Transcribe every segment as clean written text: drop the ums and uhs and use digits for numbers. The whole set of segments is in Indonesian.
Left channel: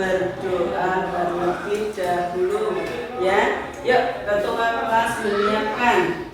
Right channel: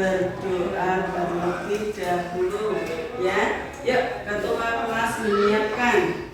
berdoa terlebih dahulu ya. Yuk ketua kelas menyiapkan.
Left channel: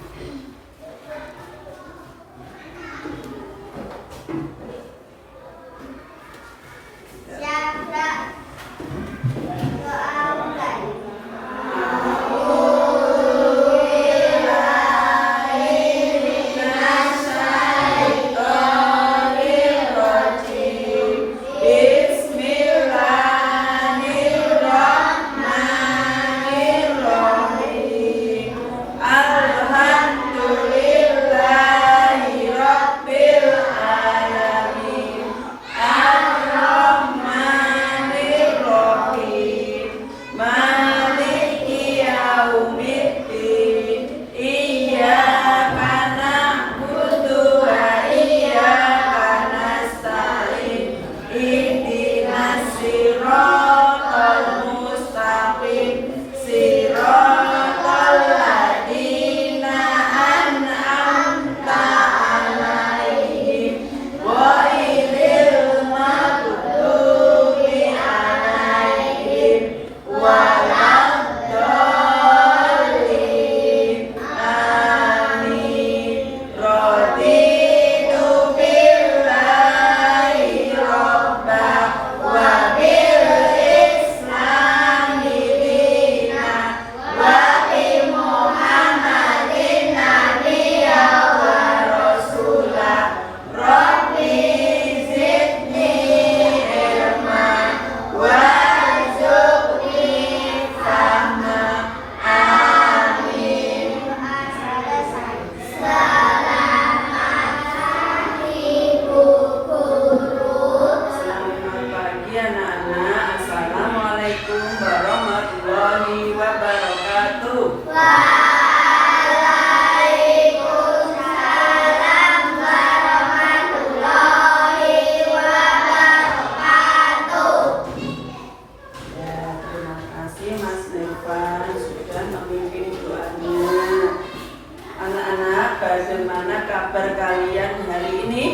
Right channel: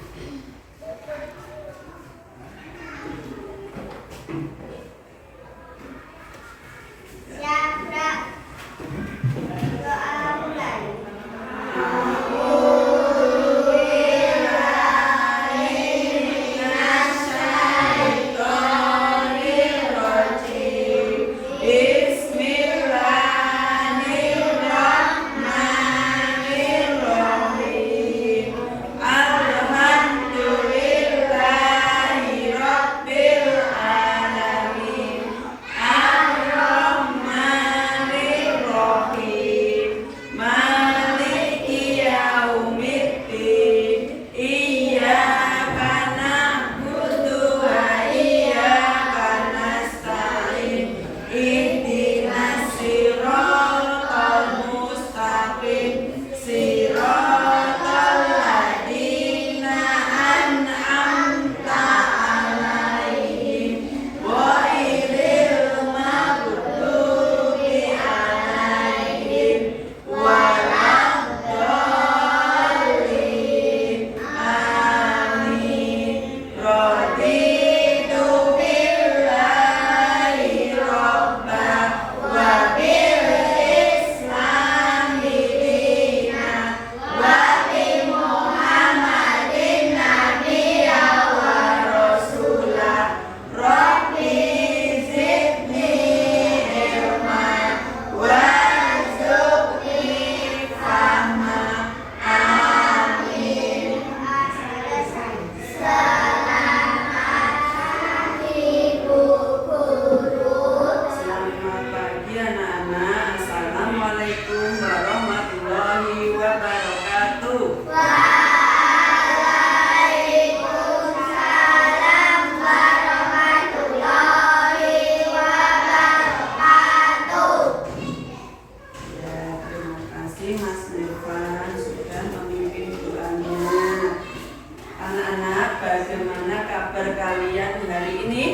Bagaimana kabar kalian hari ini?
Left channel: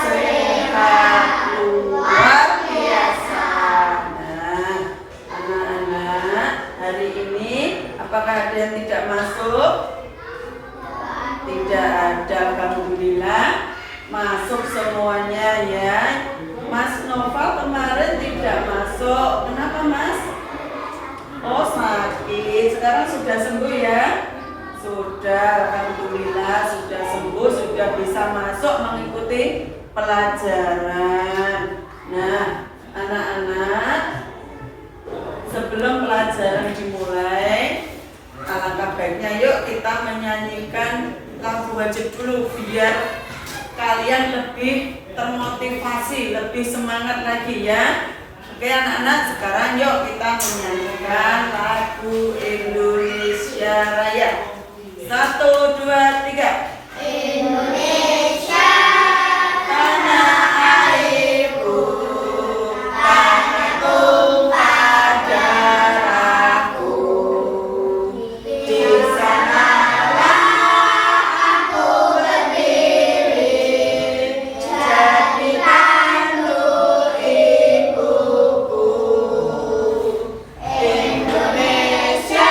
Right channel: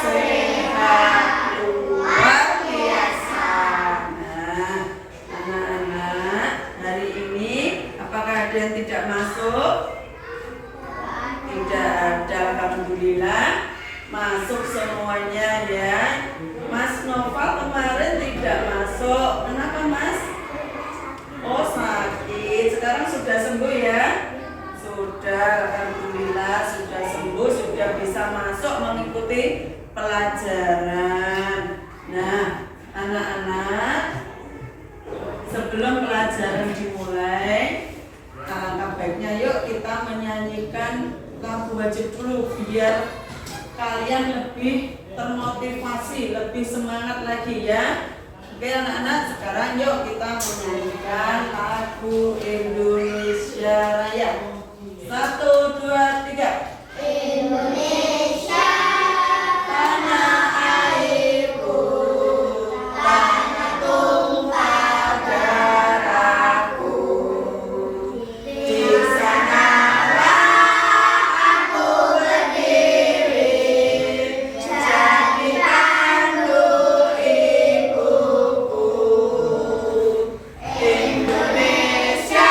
Sehat luar biasa. Nah, anak-anak, hari ini apakah ada yang tidak masuk? Tidak ada, alhamdulillah. Masuk semuanya ya. Mas Noval kemarin tidak masuk. Kenapa Mas? Oh sakit. Sekarang sudah sembuh ya? Sudah, alhamdulillah sudah sembuh, sudah bisa masuk mengikuti pelajaran. Nah, anak-anak, sebelum pelajaran dimulai, alangkah baiknya yuk kita menyanyikan lagu wajib dulu biar kalian lebih termotivasi, lebih semangat lagi ya. Oke anak-anak, sekarang yuk kita menyanyikan lagu Indonesia Raya. 1, 2, 3. Indonesia, tanah airku, tanah tumpah darahku. Di sanalah aku berdiri, jadi pandu ibuku. Indonesia,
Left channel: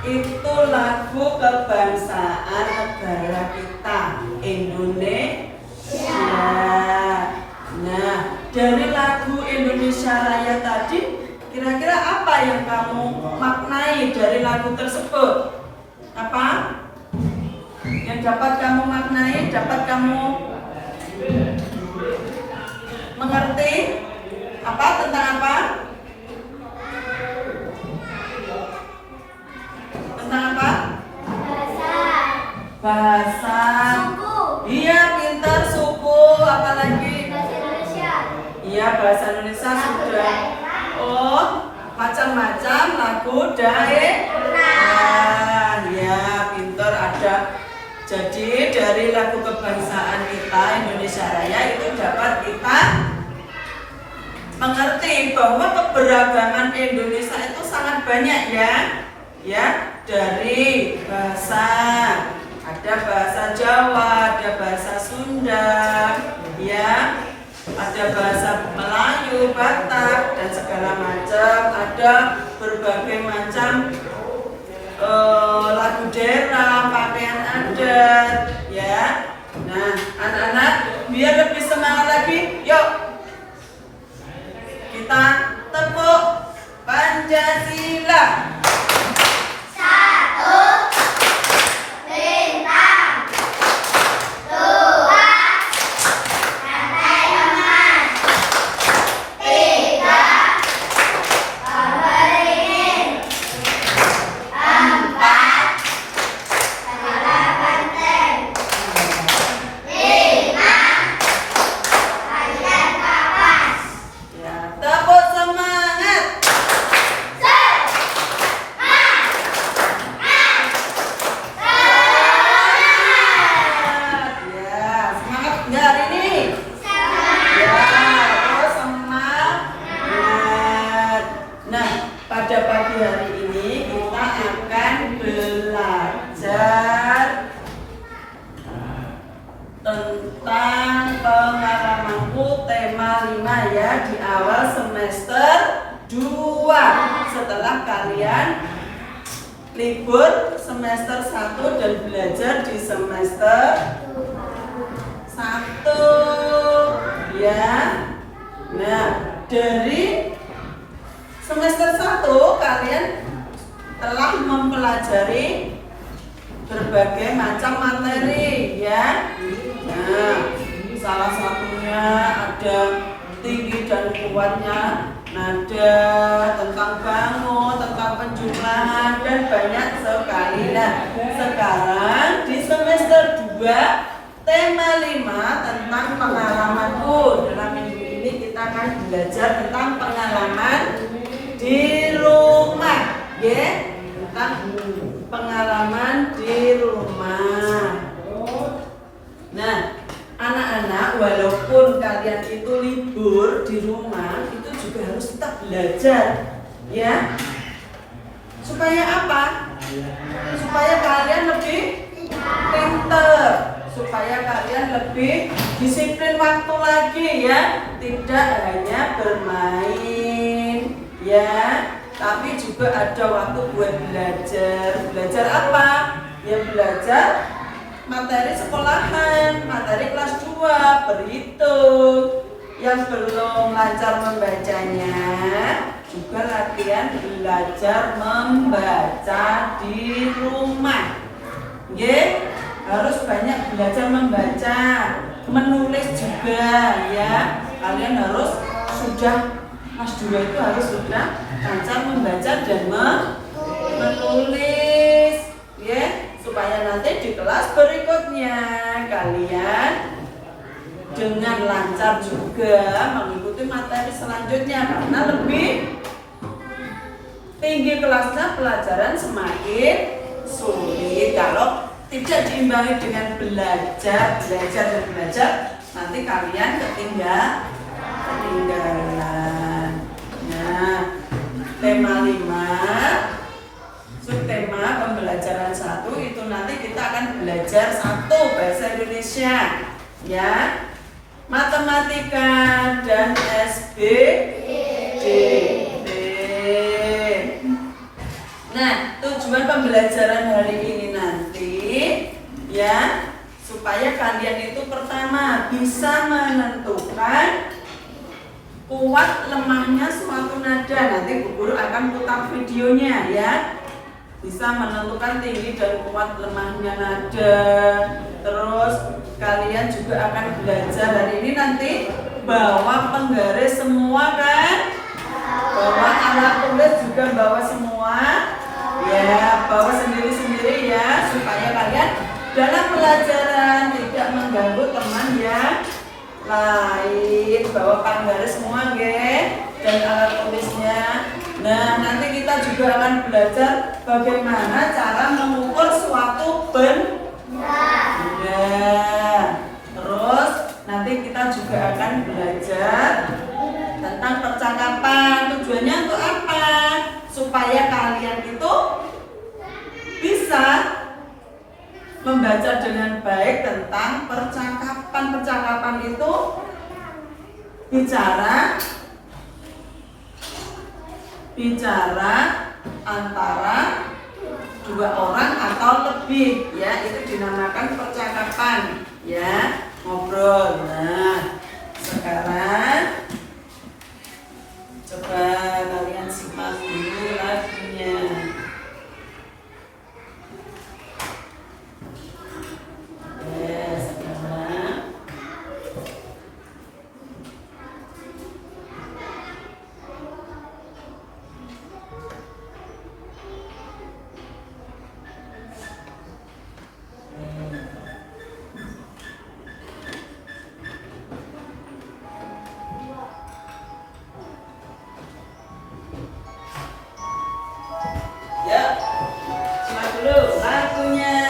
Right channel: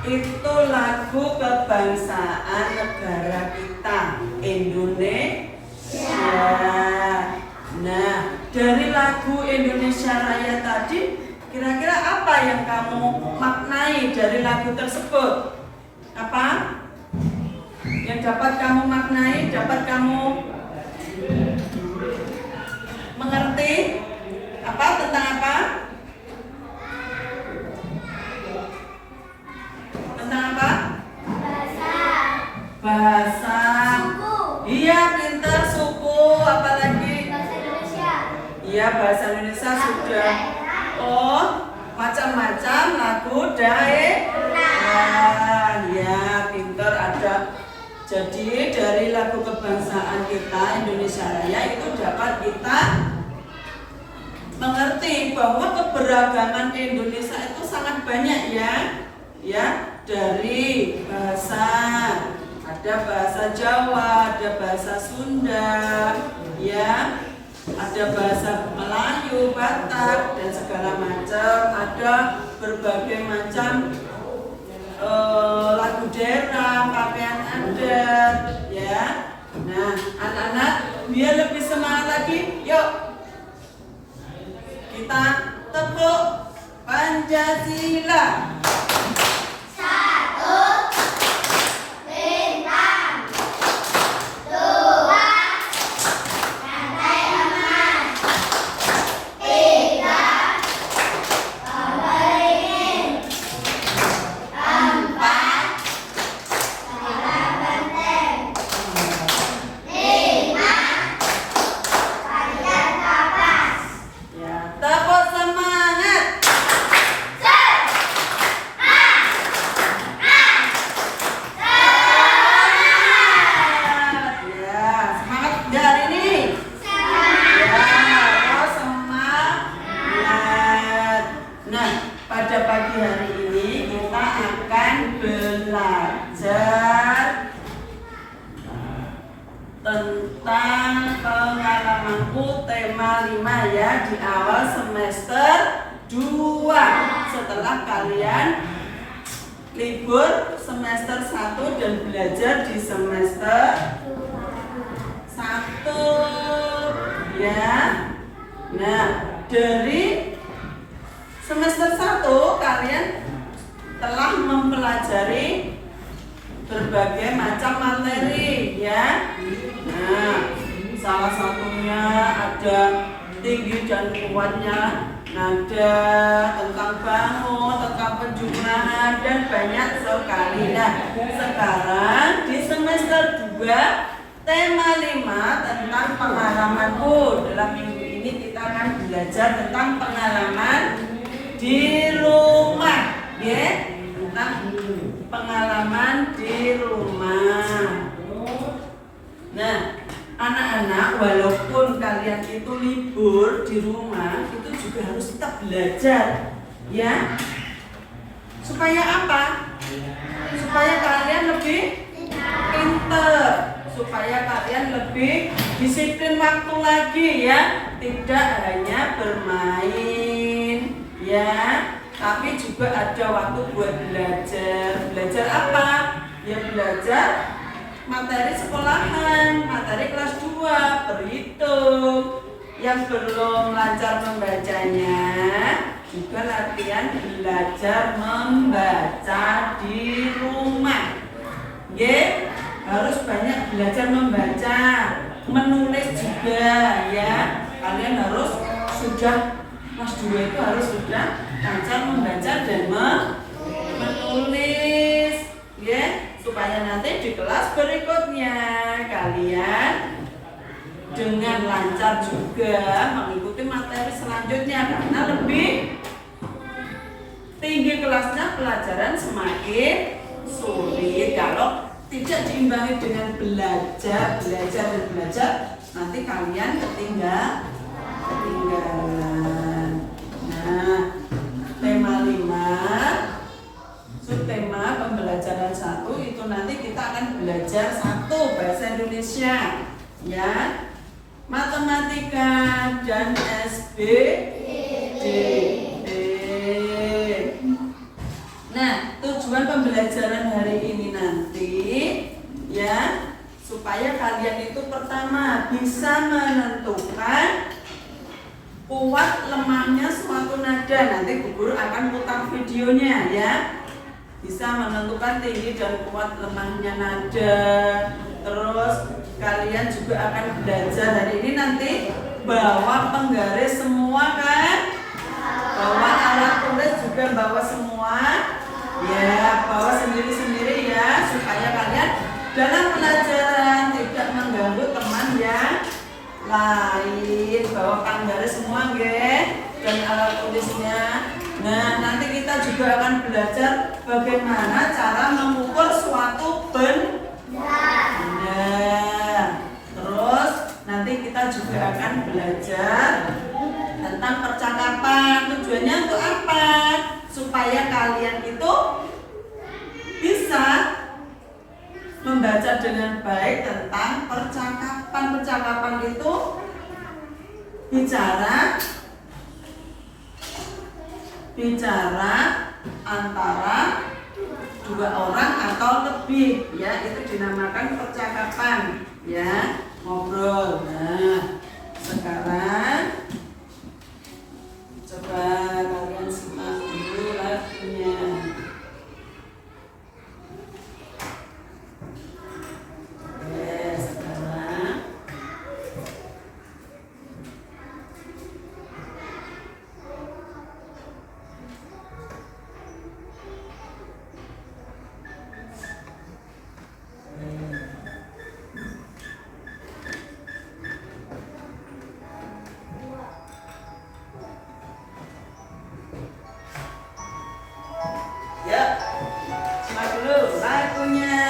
itu lagu kebangsaan negara kita, Indonesia. Nah, dari lagu Indonesia Raya tadi, kira-kira apa yang kamu maknai dari lagu tersebut? Apa? Yang dapat kamu maknai, dapat kamu mengerti? Apa? Tentang apa? Tentang apa? Bahasa. Suku. Iya, pintar. Suku, apalagi? Bahasa Indonesia. Iya, bahasa Indonesia sudah. Oh, macam-macam lagu daerah. Ya, pintar ada. Jadi dari lagu kebangsaan kita Indonesia Raya itu dapat kita mengerti bahwa keberagaman Indonesia itu sangat banyak ya. Ya, dari bahasa, ada bahasa Jawa, ada bahasa Sunda, ya, ada bahasa Melayu, Batak dan segala macam, ada berbagai macam lagu daerah, pakaian adat, ya. Nah, anak-anak biar lebih semangat lagi, yuk kita tepuk Pancasila. Tepuk semangat. Ya, semangat nggak hari ini? Ya, terus semangat. Nah, pada pagi hari ini kita akan belajar tentang pengalamanku tema 5 ya, di awal semester 2 setelah kalian libur semester 1 dan belajar di semester 1 ya. Nah, dari semester 1 kalian telah mempelajari berbagai macam materi ya. Nah, salah satunya ada tinggi dan kuatnya nada, tentang bangun, tentang penjumlahan dan banyak sekali. Nah, sekarang di semester 2 tema 5 tentang pengalamanku. Dalam minggu ini kita akan belajar tentang pengalaman di rumah, ya, tentang pengalaman di rumah. Nah, anak-anak, walaupun kalian itu libur di rumah, itu juga harus tetap belajar, ya. Supaya apa? Supaya kalian lebih pintar, supaya kalian lebih disiplin waktu lagi, ya. Tidak hanya bermain, ya, tapi juga ada waktu buat belajar. Belajar apa? Ya, belajar materi sekolahan, materi kelas 2, berhitung. Yang belum lancar membacanya juga latihan belajar membaca di rumah. Ye, harus banyak belajar membaca, menulis juga ya. Kalian harus sudah kelas 2 itu harus sudah lancar membaca dan menulis, ya, supaya nanti di kelas berikutnya kalian dengan lancar juga mengikuti materi selanjutnya, karena lebih tinggi kelasnya pelajaran semakin sulit kalau tidak diimbangi dengan belajar, nanti kalian ketinggalan. Nah, tema 5 subtema pembelajaran 1 itu nanti kita akan belajar 1 bahasa Indonesia, ya, matematika dan SBD. Nah, tujuan pembelajaran pembelajaran hari ini nanti ya, supaya kalian itu pertama bisa menentukan kuat lemahnya suatu nada. Nanti Bu Guru akan putar videonya ya. Bisa menentukan tinggi dan kuat lemahnya nada. Terus kalian juga akan belajar hari ini nanti bawa penggaris semua kan? Bawa alat tulis juga bawa semua. Ya, bawa sendiri-sendiri ya, supaya kalian dalam pelajaran tidak mengganggu teman yang lain. Bawa penggaris semua nggih dan alat tulisnya. Nah, nanti kita juga akan belajar bagaimana cara mengukur suatu benda. Terus nanti kita juga akan belajar tentang percakapan. Tujuannya untuk apa? Supaya kalian itu bisa membaca dengan baik tentang percakapan. Percakapan itu bicara antara dua orang atau lebih ya, itu dinamakan percakapan ya, ngobrol. Nah, sekarang coba kalian simak dulu lagunya. Sekarang ya, simak dulu lagunya.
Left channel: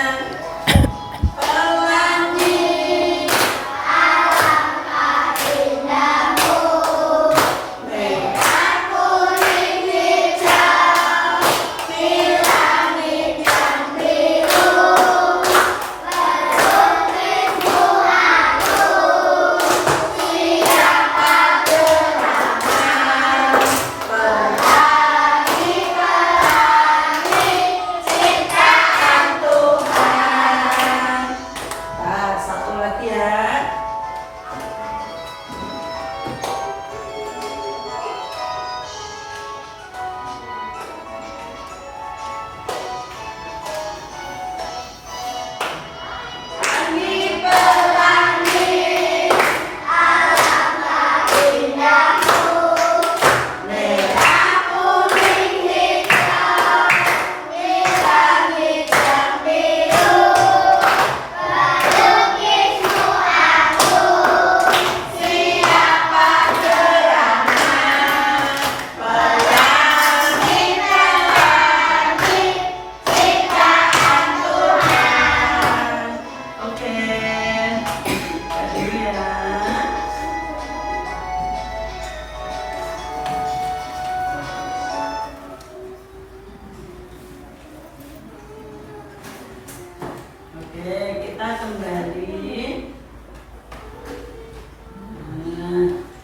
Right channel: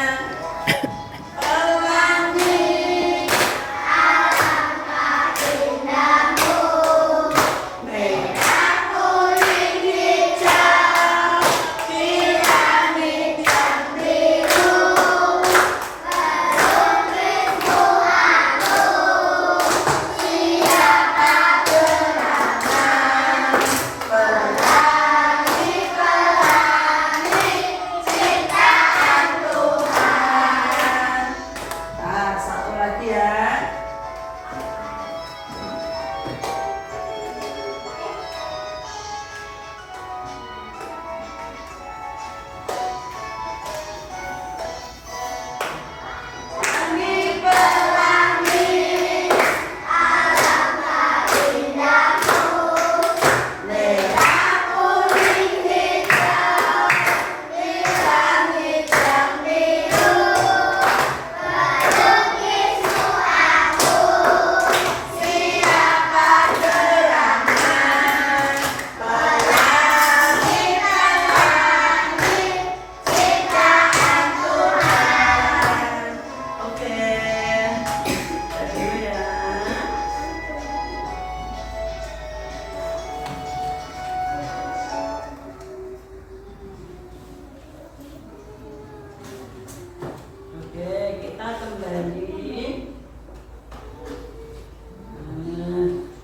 Kita kembali.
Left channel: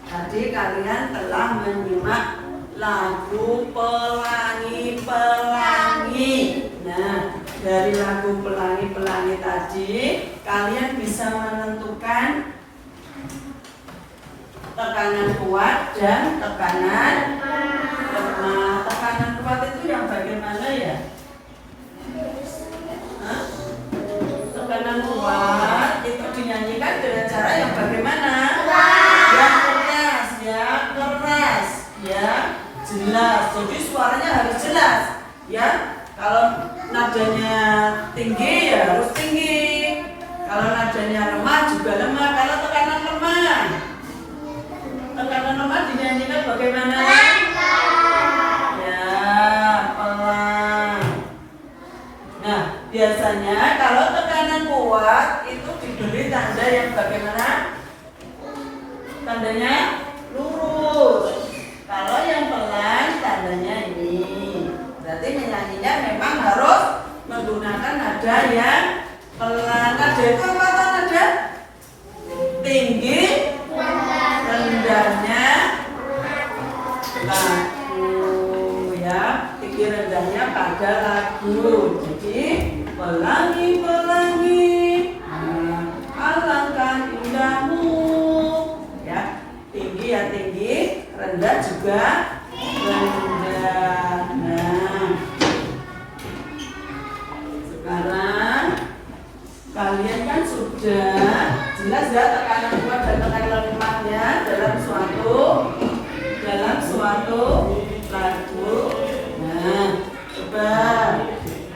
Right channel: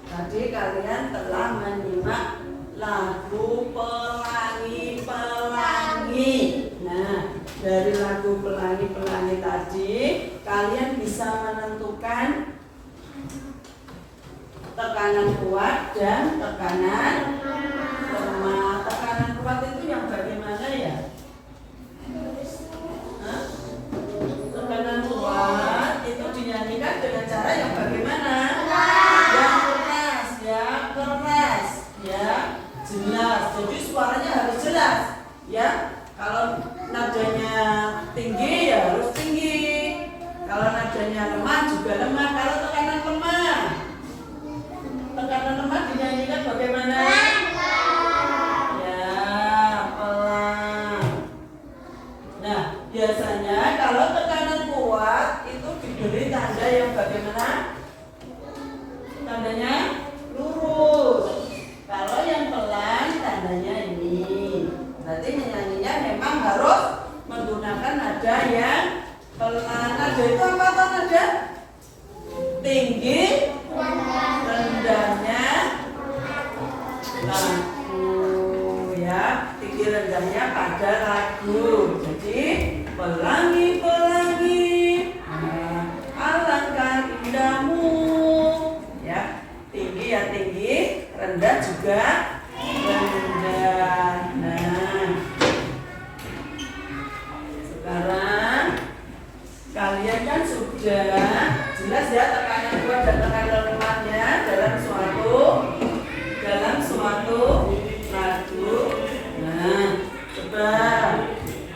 Tadi kalian telah menyimak lagu Pelangi-Pelangi. Nah, dari lagu Pelangi-Pelangi tadi kalian bisa menentukan tekanan kuat dan tekanan lemah. Tekanan kuat itu yang bagaimana ya? Tekanan kuat itu dinyanyikan dengan cara yang bagaimana? Yang keras, ya keras, ya jelas. Jadi suaranya harus jelas, ya. Kalau nadanya tinggi ya harus tinggi. Kalau nadanya lemah juga lemah. Kalau tekanan lemah dinyanyikan bagaimana? Ya pelan. Nah, biasanya kalau tekanan kuat itu diberi tanda yang bagaimana? Tandanya lurus. Kalau yang pelan tandanya ini. Berarti menyanyinya memang harus menggunakan nada yang pelan. Nada itu apa nada? Tinggi, rendahnya lagu ya. Tinggi rendahnya pada lagu. rendah juga rendah. Nah, sekarang kalian kan sudah jelas ya tekanan kuat dan tekanan lemahnya dalam suatu lagu. Nah, coba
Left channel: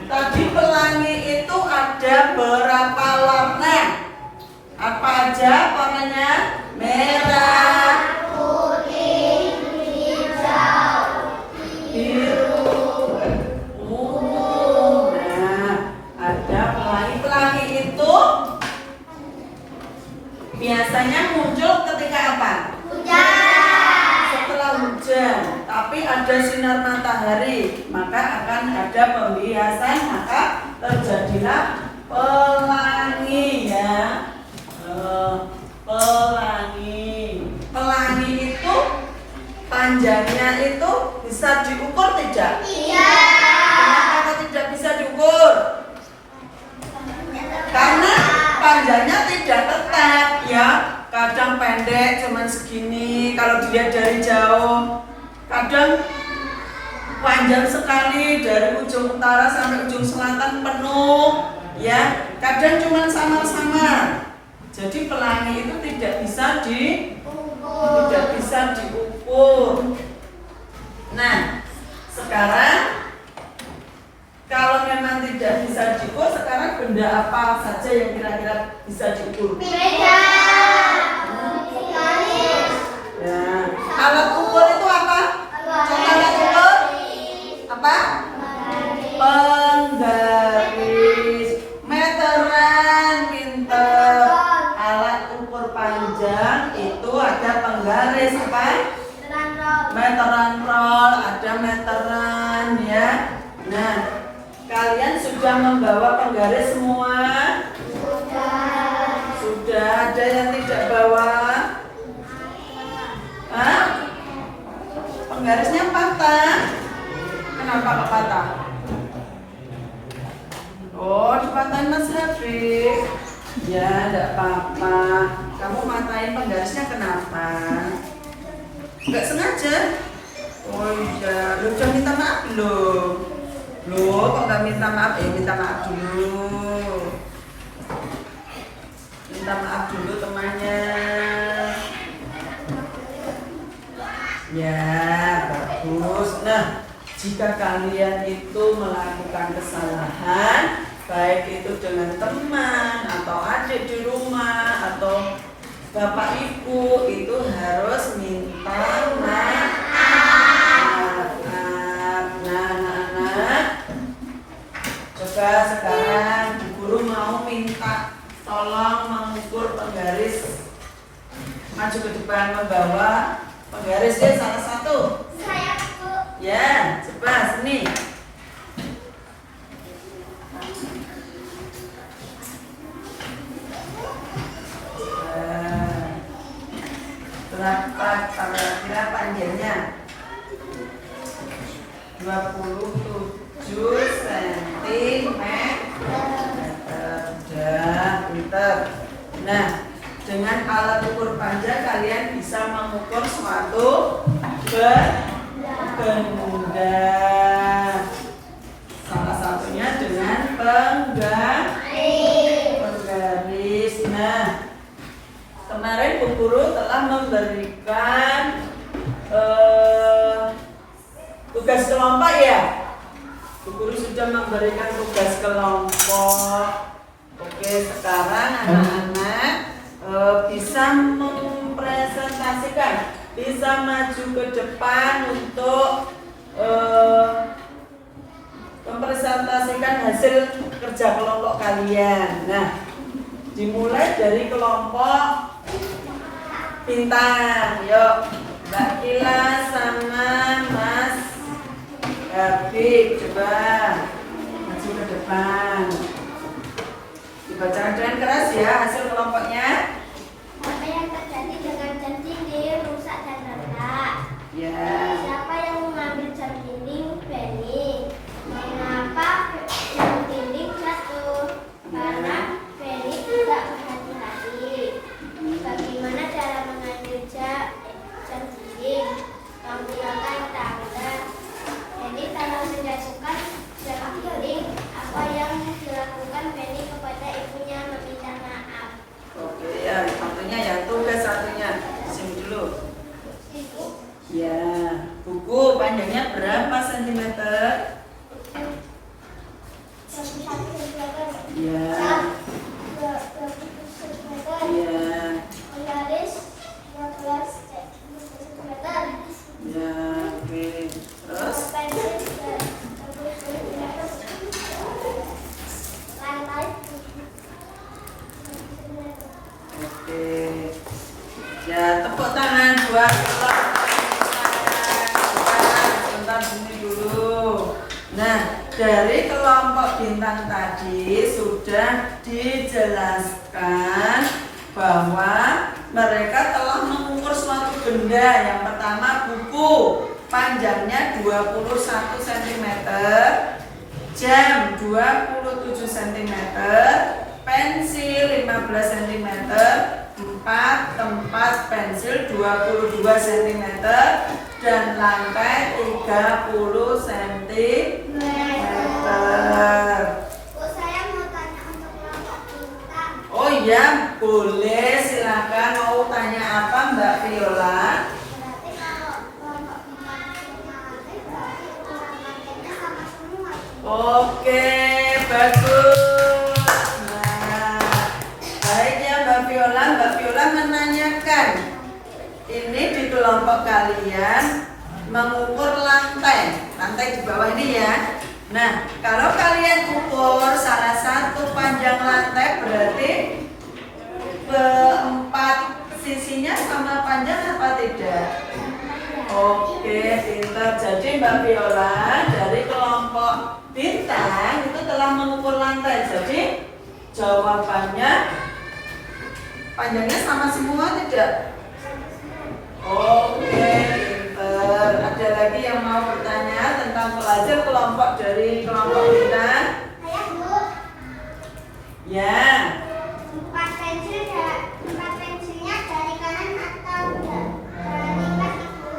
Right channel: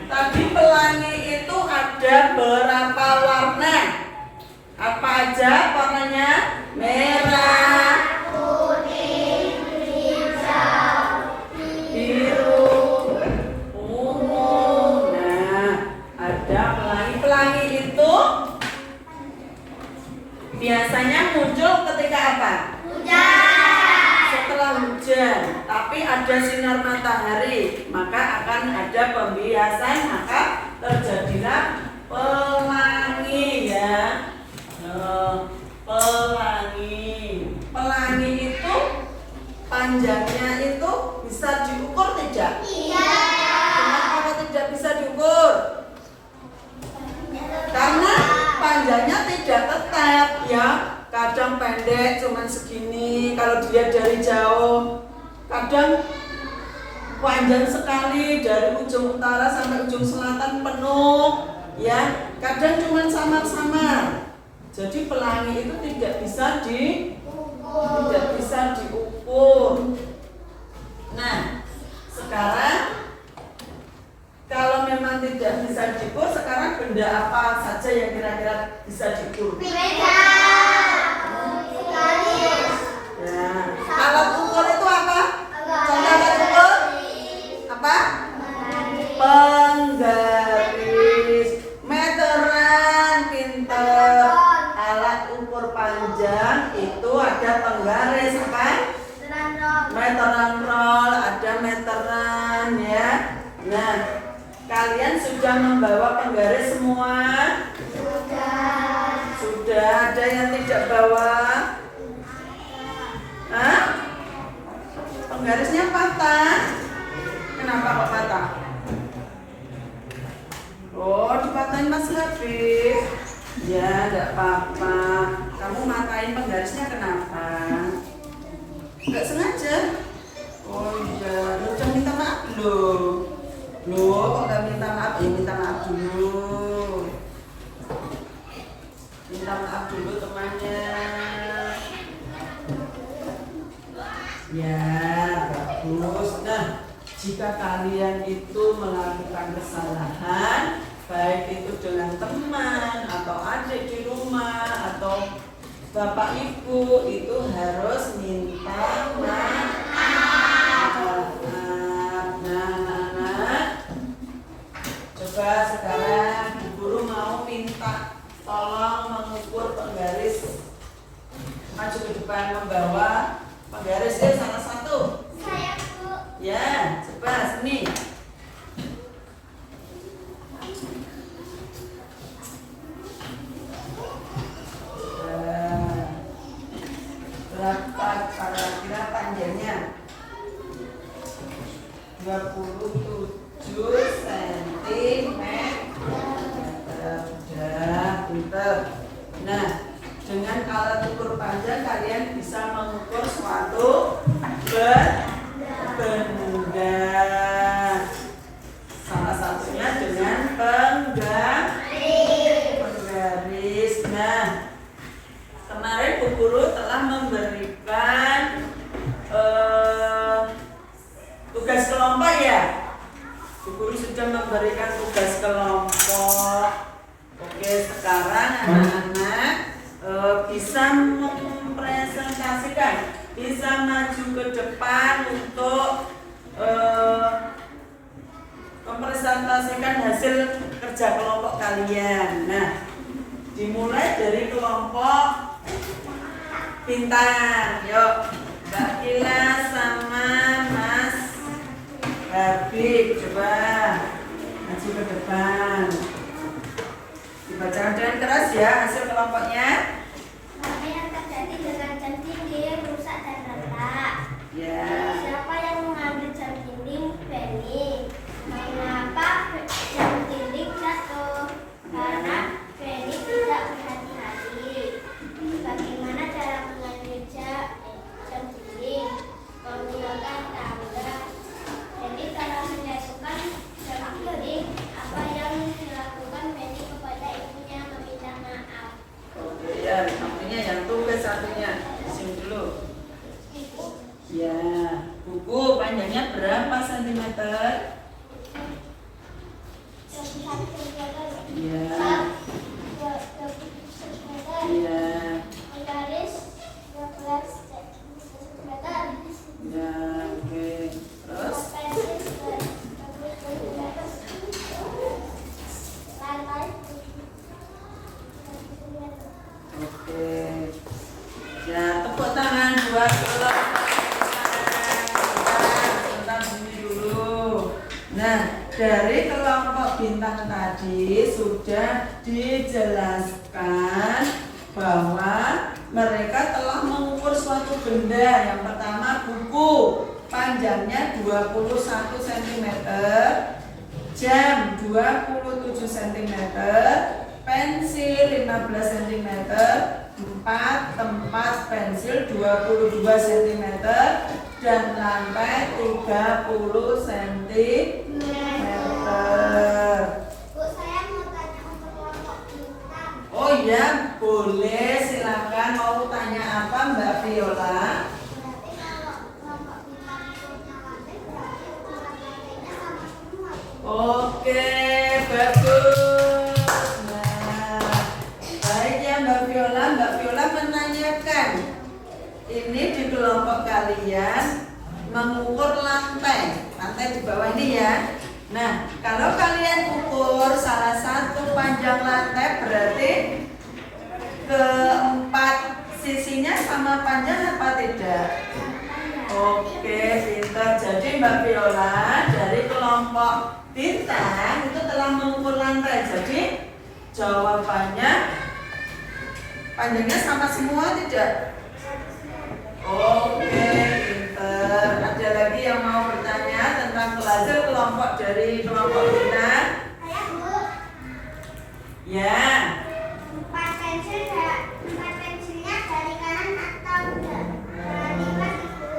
tadi pelangi itu ada berapa warna? Apa aja warnanya? Merah, putih, hijau, biru, ungu. Nah, ada pelangi itu biasanya muncul ketika apa? hujan. Setelah hujan, tapi ada sinar matahari, maka akan ada pembiasan, maka terjadilah pelangi ya. Pelangi itu panjangnya itu bisa diukur tidak? Iya. Kenapa kok tidak bisa diukur? Karena panjangnya tidak tetap ya. Kadang pendek cuman segini kalau dilihat dari jauh. Kadang panjang sekali dari ujung utara sampai ujung selatan penuh ya. Kadang cuman samar-samar. Jadi pelangi itu tidak bisa diukur. Nah, sekarang kalau memang tidak bisa diukur, sekarang benda apa saja yang kira-kira bisa diukur? Beda. Garis. Nah, alat ukur itu apa? Contoh alat ukur apa? Penggaris. Meteran, pinter. Alat ukur panjang itu ada penggaris apa? Meteran roll, ada meteran ya. Nah, kalian sudah membawa penggaris semua? Sudah. Ada yang tidak bawa? Hah? Penggarisnya patah. Kenapa kok patah? Oh, dipatahin Mas Habib. Ya, enggak apa-apa. Kamu matahin penggarisnya kenapa? Enggak sengaja. Oh iya, lu udah minta maaf belum? Loh, kok nggak minta maaf? Minta maaf dulu. Minta maaf dulu temannya. Ya, bagus. Nah, jika kalian itu melakukan kesalahan, baik itu dengan teman atau adik di rumah atau bapak ibu, itu harus minta maaf. Coba sekarang Bu Guru mau minta tolong mengukur penggaris. Maju ke depan membawa penggaris ya, salah satu. Saya, Bu. Ya, coba sini. Berapa kira-kira panjangnya? 27 cm. Sudah, pinter. Nah, dengan alat ukur panjang kalian bisa mengukur suatu benda. Salah satunya dengan penggaris. Nah, kemarin Bu Guru telah memberikan tugas kelompok ya. Bu Guru sudah memberikan tugas kelompok. Oke, sekarang anak-anak bisa mempresentasikan, bisa maju ke depan untuk mempresentasikan hasil kerja kelompok kalian. Nah, dimulai dari kelompok bintang. Yuk, Mbak Kila sama Mas Habib, coba maju ke depan. Dibacakan dengan keras ya hasil kelompoknya. Apa yang terjadi dengan jam dinding rusak dan retak? Ya. Siapa yang mengambil jam dinding? Benny. Mengapa jam dinding jatuh? Karena Benny tidak berhati-hati. Bagaimana cara mengambil jam dinding? Buku panjangnya berapa sentimeter? 21 cm. Ya. 27 cm. Ya. Garis 12 cm. Ya, oke. Terus? Pensil 30 cm. Lantai 7 cm. Oke. Ya, tepuk tangan buat sebentar sini dulu. Nah, dari kelompok bintang tadi sudah dijelaskan bahwa mereka telah mengukur suatu benda. Yang pertama buku, panjangnya 21 cm, jam 27 cm, pensil 15 cm, 4 tempat pensil 22 cm, dan lantai 30 cm. Bu, saya mau tanya untuk kelompok bintang. Oh iya, boleh, silakan. Mau tanya apa Mbak Viola? Berarti kalau kelompok bintang punya lantai, berarti ukuran lantainya sama semua. Oke, bagus. Nah, baik ya Mbak Viola. Mbak Viola menanyakan, ini di kelompok kalian mengukur lantai di bawah ini ya. Nah, kalau kalian ukur salah satu panjang lantai, berarti keempat sisinya sama panjang apa tidak? Oke, pintar. Jadi Mbak Viola dari kelompok bintang itu telah mengukur lantai. Jadi jawabannya panjangnya sama semua tidak? Oke, pintar. Ada lagi yang mau bertanya tentang pelajar kelompok dari kelompok bintang? Saya, Bu, Ya. tempat pensilnya dari kanan atau dari kiri, Bu?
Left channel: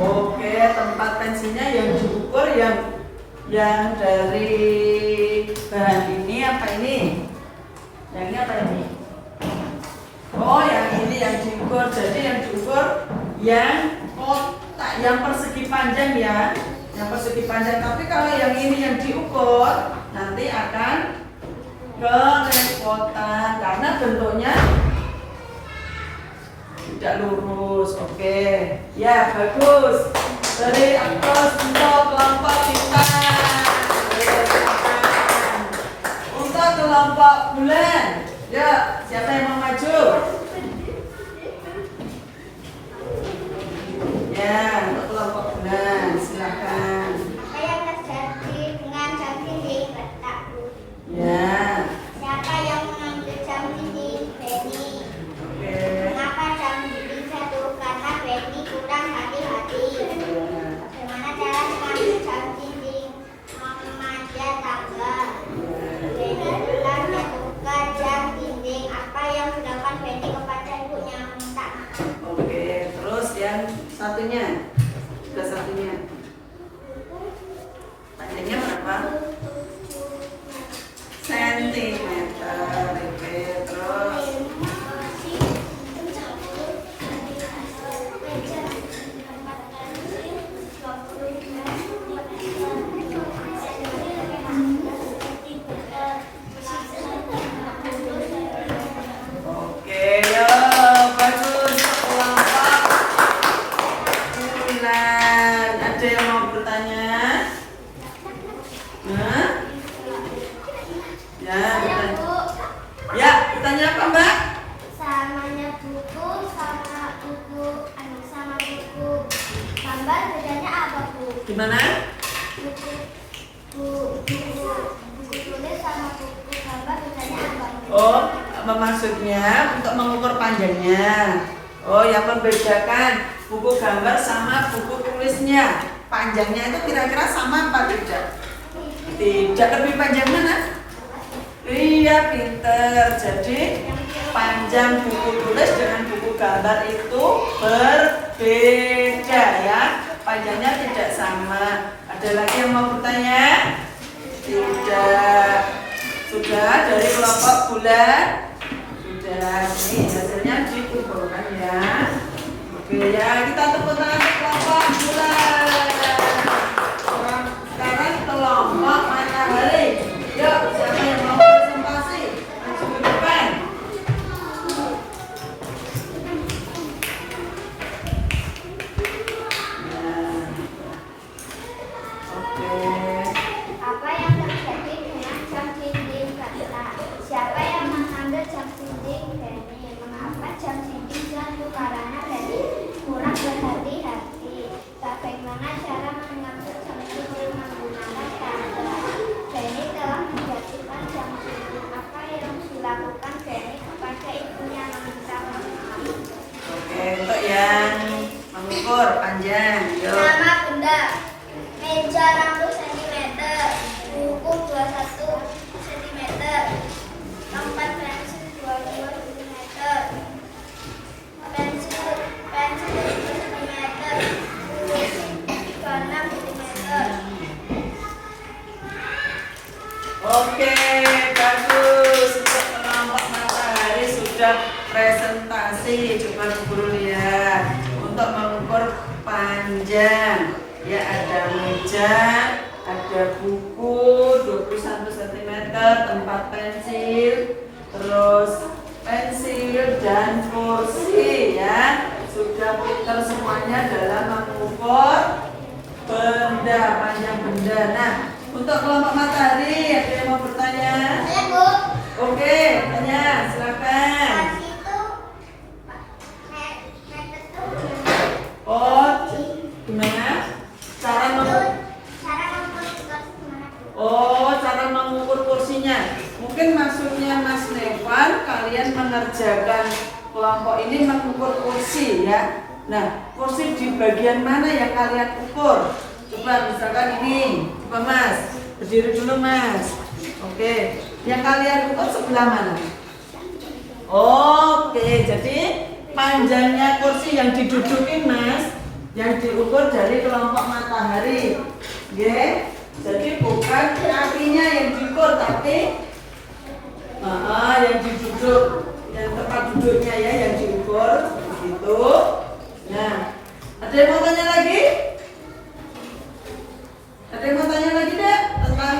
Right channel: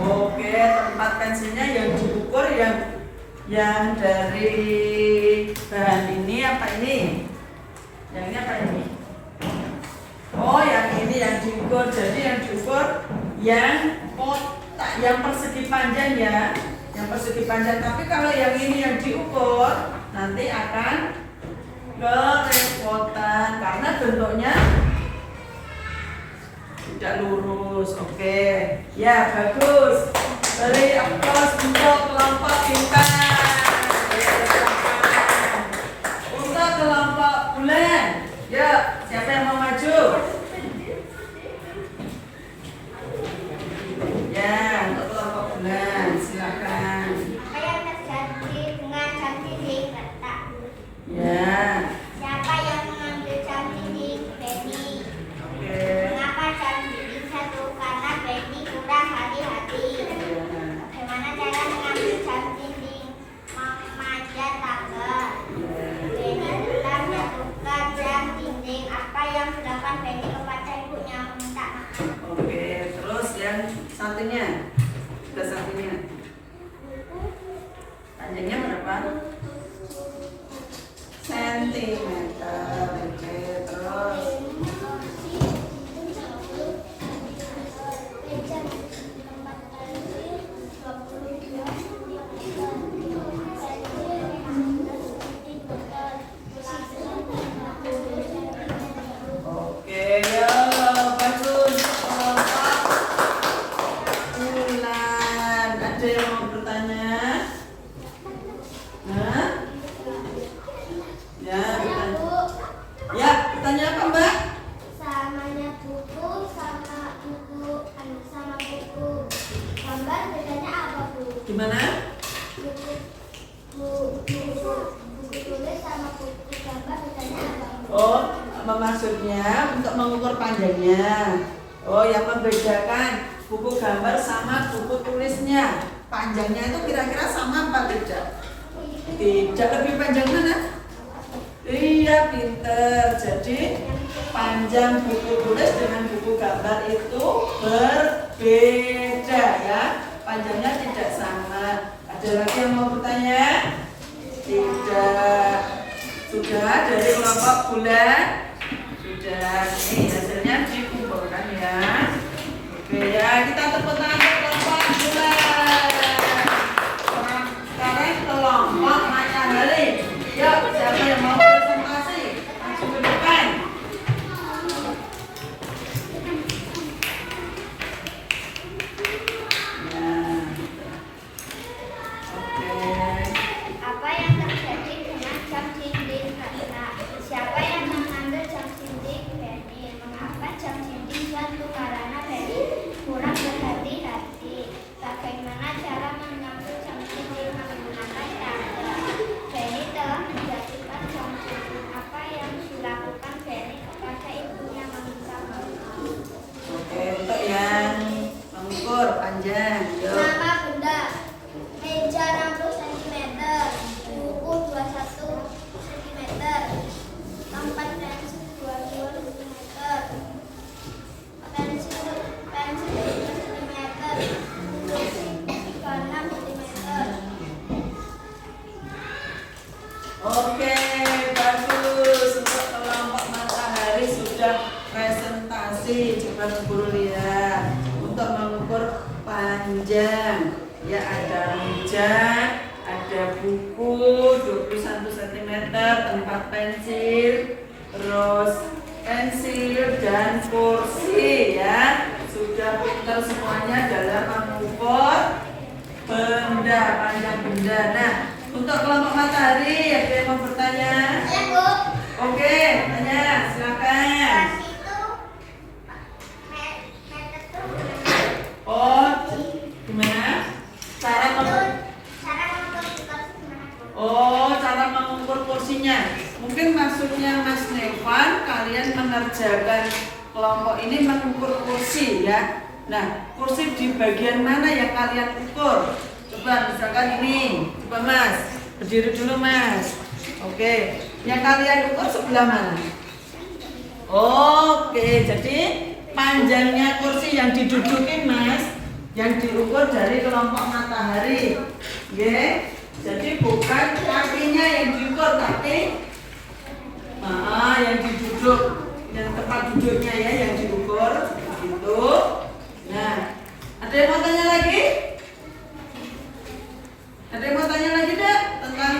Oke, tempat pensilnya yang diukur yang dari bahan ini apa ini? Yang ini apa ini? Oh, yang ini yang diukur. Jadi yang diukur yang kotak, yang persegi panjang ya, yang persegi panjang. Tapi kalau yang ini yang diukur nanti akan kerepotan karena bentuknya tidak lurus. Oke, ya bagus. Beri aplaus untuk kelompok bintang. Untuk kelompok bulan. Ya, siapa yang mau maju? Ya, untuk kelompok bulan, silakan. Apa yang terjadi dengan jam dinding retak, Bu? Ya, Siapa yang mengambil jam dinding? Benny. oke. Mengapa jam dinding jatuh? Karena Benny kurang hati-hati. Ya. Bagaimana cara mengambil jam dinding? Memanjat tangga. Benny telah menjatuhkan jam dinding. Apa yang dilakukan Benny kepada ibunya? Meminta maaf. Oke, terus yang satunya, ke satunya. Panjangnya berapa? Sentimeter. Oke, terus. Oke, yo, bagus. Kelompok bulan. Ada yang mau bertanya? Hah? Ya, bertanya. Ya, bertanya apa Mbak? Samanya buku sama buku gambar bedanya apa, Bu? Gimana? Buku tulis sama buku gambar bedanya apa, Bu? Oh, apa maksudnya untuk mengukur panjangnya? Oh, yang membedakan buku gambar sama buku tulisnya. Panjangnya itu kira-kira sama apa tidak? Tidak, lebih panjang mana? Iya, pinter. Jadi panjang buku tulis dengan buku gambar itu berbeda ya. Panjangnya tidak sama. Ada lagi yang mau bertanya? Tidak. Sudah dari kelompok bulan? Sudah. Ini hasilnya dikumpulkan ya. Oke ya, kita tepuk tangan untuk kelompok bulan. pertanyaan. Yuk. Nama benda. Meja 60 cm. Buku 21 cm. Tempat pensil 22 cm. Pensil 5 cm. 36 cm. Oke, bagus. Untuk kelompok matahari sudah presentasi. Coba guru lihat. Untuk mengukur panjang, ya ada meja, ada buku 21 cm, tempat pensil, terus pensil dan kursi ya. Sudah pintar semuanya dalam mengukur benda, panjang benda. Nah, untuk kelompok matahari ada yang mau bertanya? Ya, Bu. Oke, tanya, silakan. Pas itu meter tuh Oh, gimana? Cara mengukur? cara mengukur gimana, Bu? Oh, cara mengukur kursinya. Mungkin maksudnya Mas Nevan, kalian mengerjakan kelompok ini mengukur kursi ya. Nah, kursi di bagian mana yang kalian ukur? Coba misalkan ini, coba Mas, berdiri dulu Mas. Oke, yang kalian ukur sebelah mana? Oke, jadi panjangnya kursi yang didudukin Mas, yang diukur dari kelompok matahari. Oke, jadi bukan kakinya yang diukur, tapi yang diduduk, yang tempat duduknya ya yang diukur, begitu. Nah, ada yang mau tanya lagi? Ada yang mau tanya lagi deh tentang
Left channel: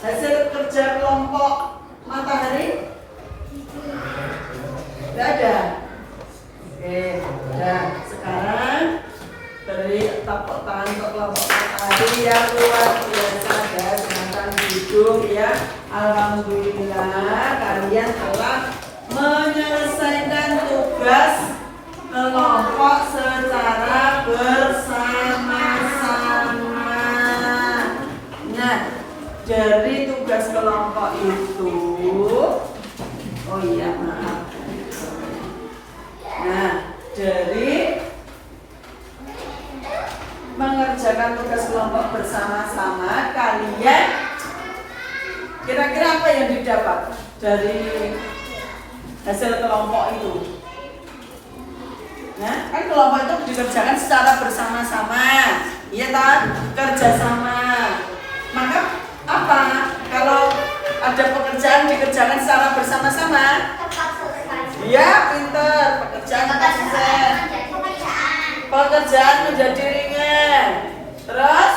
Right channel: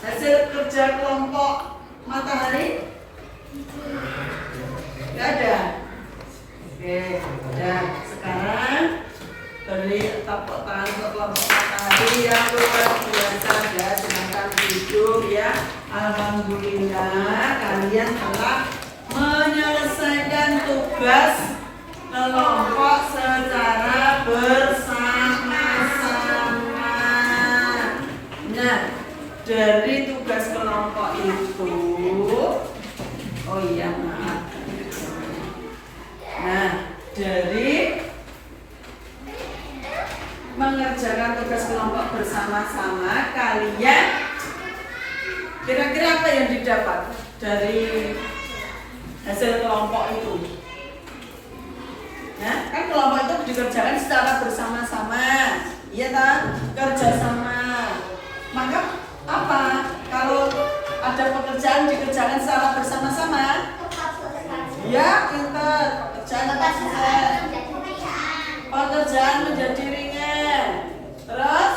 hasil kerja kelompok matahari? Tidak ada. Oke, ya sekarang beri tepuk tangan untuk kelompok matahari yang luar biasa ya. Silakan duduk ya. Alhamdulillah kalian telah menyelesaikan tugas kelompok secara bersama-sama. Nah, dari tugas kelompok itu, oh iya maaf. Nah, dari mengerjakan tugas kelompok bersama-sama, kalian kira-kira apa yang didapat dari hasil kelompok itu? Nah, kan kelompok itu dikerjakan secara bersama-sama, iya tak? Kerjasama. Maka apa? Kalau ada pekerjaan dikerjakan secara bersama-sama, Tepat selesai. ya pinter. Pekerjaan apa selesai? Pekerjaan menjadi ringan. Terus?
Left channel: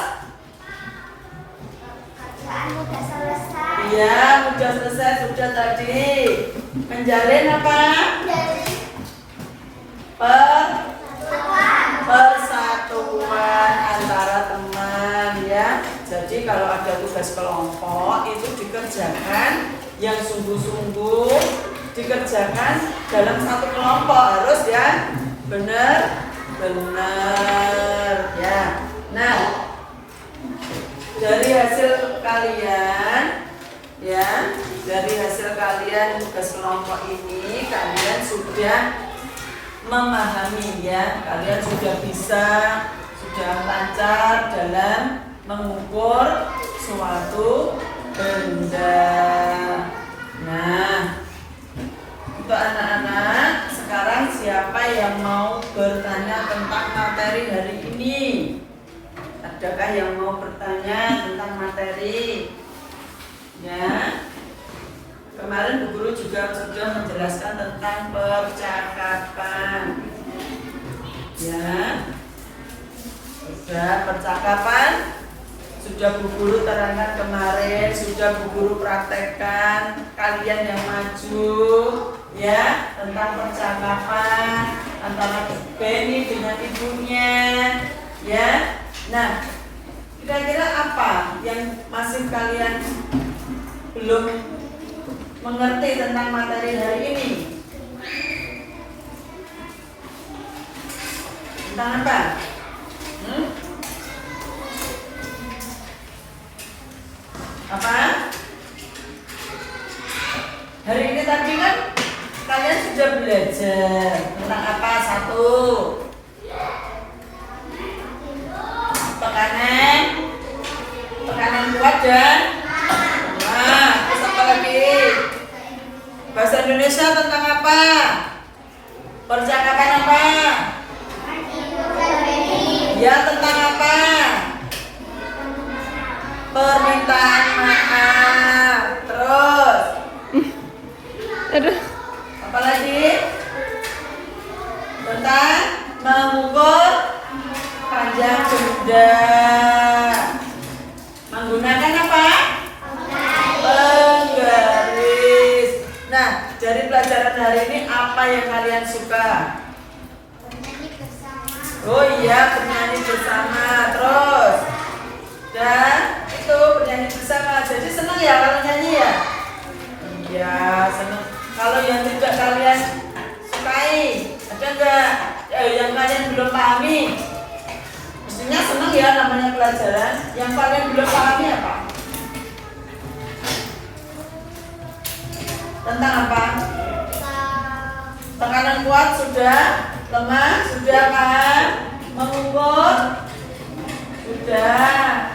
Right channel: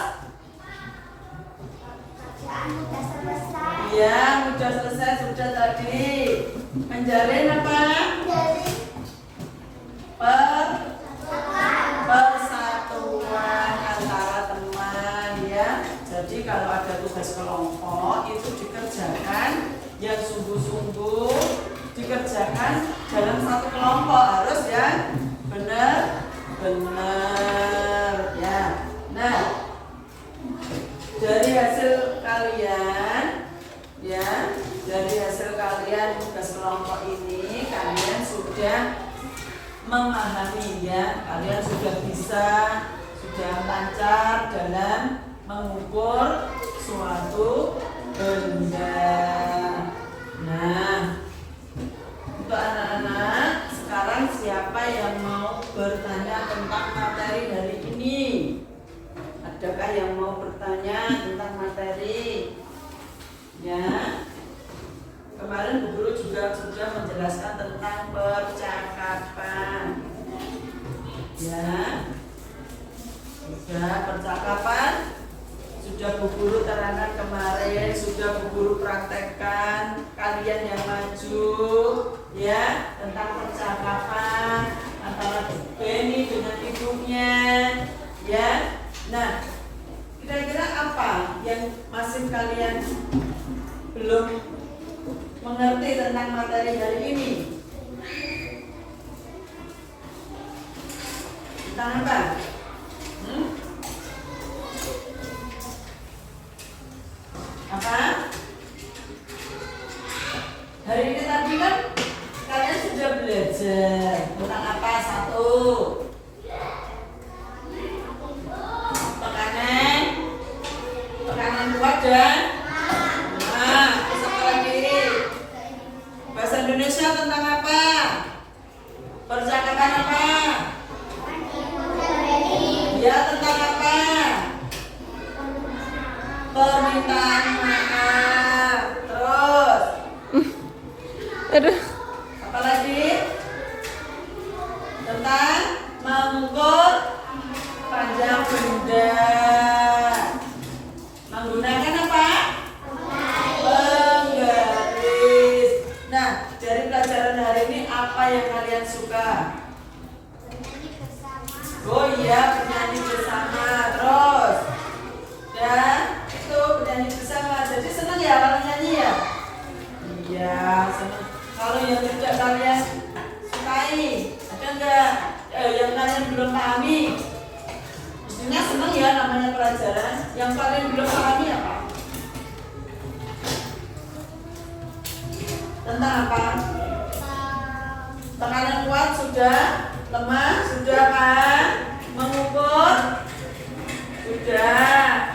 Kerjaan udah selesai. Iya, sudah selesai, sudah tadi. Menjalin apa? Dari Persatuan antara teman ya. Jadi kalau ada tugas kelompok itu dikerjakan yang sungguh-sungguh, dikerjakan dalam satu kelompok, harus ya benar ya. Nah, dari hasil kalian ya, dari hasil kalian tugas kelompok ini kalian sudah memahami ya, kalian sudah bisa, sudah lancar dalam mengukur suatu benda. Nah, untuk anak-anak sekarang siapa yang mau bertanya tentang materi hari ini? Adakah yang mau bertanya tentang materi? Ya. Kemarin Bu Guru juga sudah menjelaskan tentang percakapan. Ya. Sudah percakapan, sudah Bu Guru terangkan kemarin, sudah Bu Guru praktekkan. Kalian yang maju ya tentang percakapan antara Benny dengan ibunya ya. Nah, kira-kira apa yang masih kalian belum mengerti tentang materi hari ini? Tentang apa? Apa? Hari ini tadi kan kalian sudah belajar tentang apa? Satu. dan nah, terus apa lagi? Bahasa Indonesia tentang apa? Percakapan apa? Ya, tentang apa? Permintaan maaf. Terus Aduh. apa lagi? Tentang mengukur panjang benda. Menggunakan apa? Penggaris. Nah, dari pelajaran hari ini apa yang kalian suka? Oh iya, bernyanyi bersama. Terus dan itu bernyanyi bersama. Jadi senang ya kalau nyanyi ya? Iya, senang. Kalau yang tidak kalian sukai, ada enggak? Yang kalian belum pahami? Mestinya senang ya namanya pelajaran. Yang kalian belum pahami apa? Tentang apa? Tekanan kuat sudah, lemah sudah kan? Mengukur sudah.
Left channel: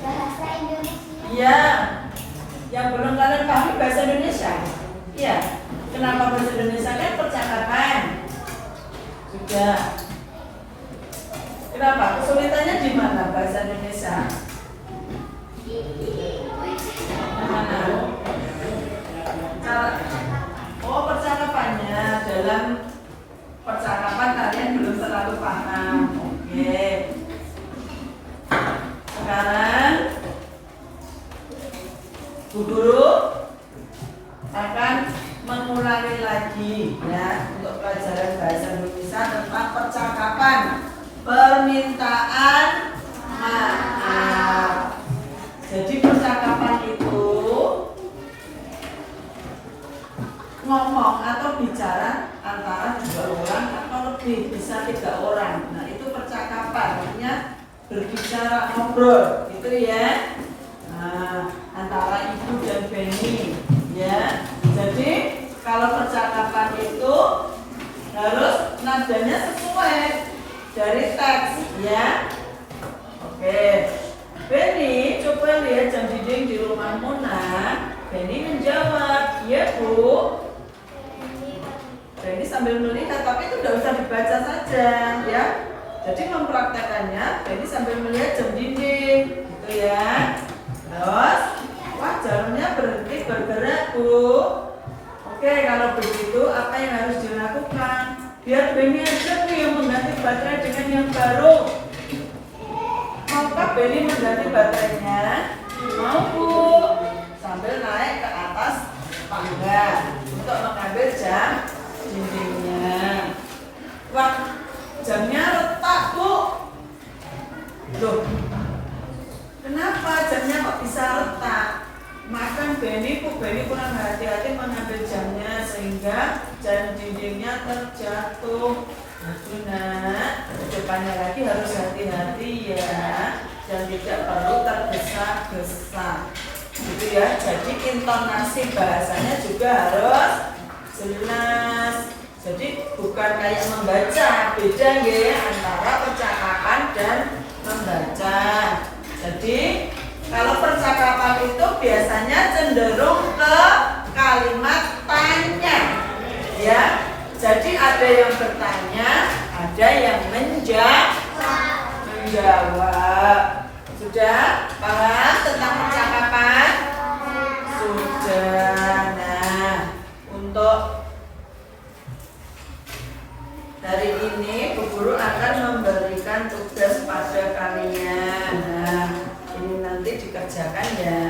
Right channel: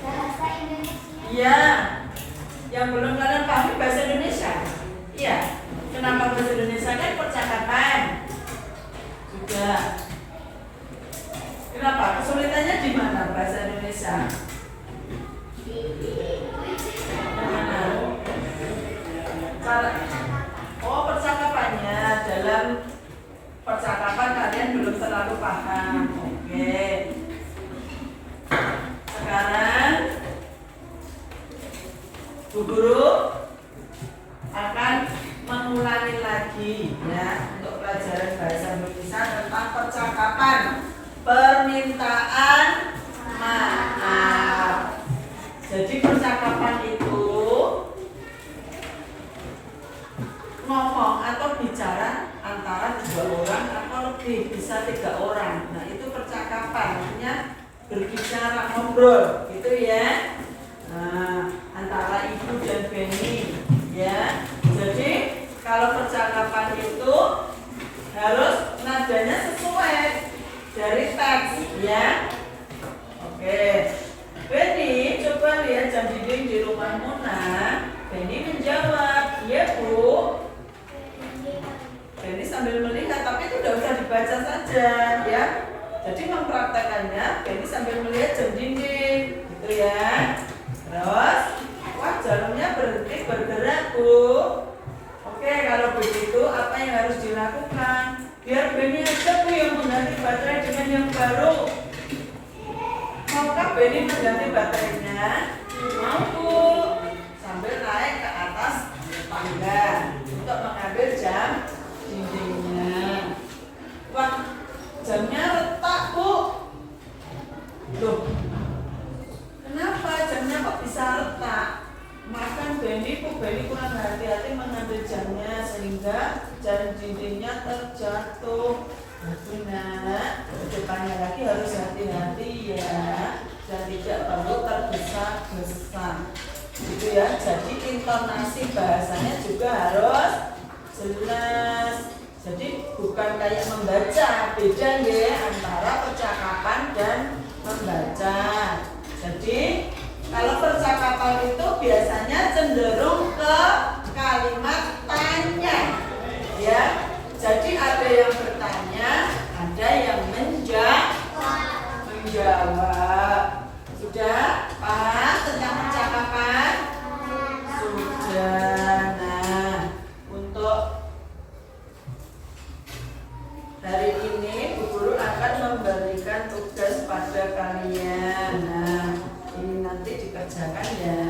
Bahasa Indonesia. Iya. Yang belum kalian pahami bahasa Indonesia. Iya. Kenapa bahasa Indonesia kan percakapan? Sudah. Kenapa? Kesulitannya di mana bahasa Indonesia? Yang mana? Oh, percakapannya dalam percakapan kalian belum terlalu paham. Oke. Sekarang Bu Guru akan mengulangi lagi ya untuk pelajaran bahasa Indonesia tentang percakapan permintaan maaf. Jadi percakapan itu ngomong atau bicara antara 2 orang atau lebih, bisa 3 orang. Nah itu percakapan, artinya berbicara, ngobrol gitu ya. Nah, antara ibu dan Benny ya. Jadi kalau percakapan itu harus nadanya sesuai dari teks ya. Oke, Benny coba lihat jam dinding di rumah Mona. Benny menjawab, iya Bu. Benny sambil melihat, tapi itu tidak usah dibaca saja ya. Jadi mempraktekannya, Benny sambil melihat jam dinding gitu ya. Terus, wah jarumnya berhenti bergerak Bu. Oke, kalau begitu apa yang harus dilakukan? Biar Benny aja Bu yang mengganti baterai dengan yang baru. Maukah Benny mengganti baterainya? Mau Bu. Sambil naik ke atas tangga untuk mengambil jam dindingnya. Wah, jamnya retak Bu. Loh, kenapa jamnya kok bisa retak? Makan Benny kurang hati-hati mengambil jamnya sehingga jam dindingnya terjatuh. Aduh nak, kedepannya lagi harus hati-hati ya, dan tidak perlu tergesa-gesa. Gitu ya. Jadi intonasi bahasanya juga harus jelas. Jadi bukan kayak membaca, beda ya antara percakapan dan membaca. Jadi kalau percakapan itu biasanya cenderung ke kalimat tanya, ya. Jadi ada yang bertanya, ada yang menjawab. Sudah paham tentang percakapan? Sudah. Nah, untuk hari ini Bu Guru akan memberikan tugas pada kalian. Nah, ini nanti dikerjakan ya.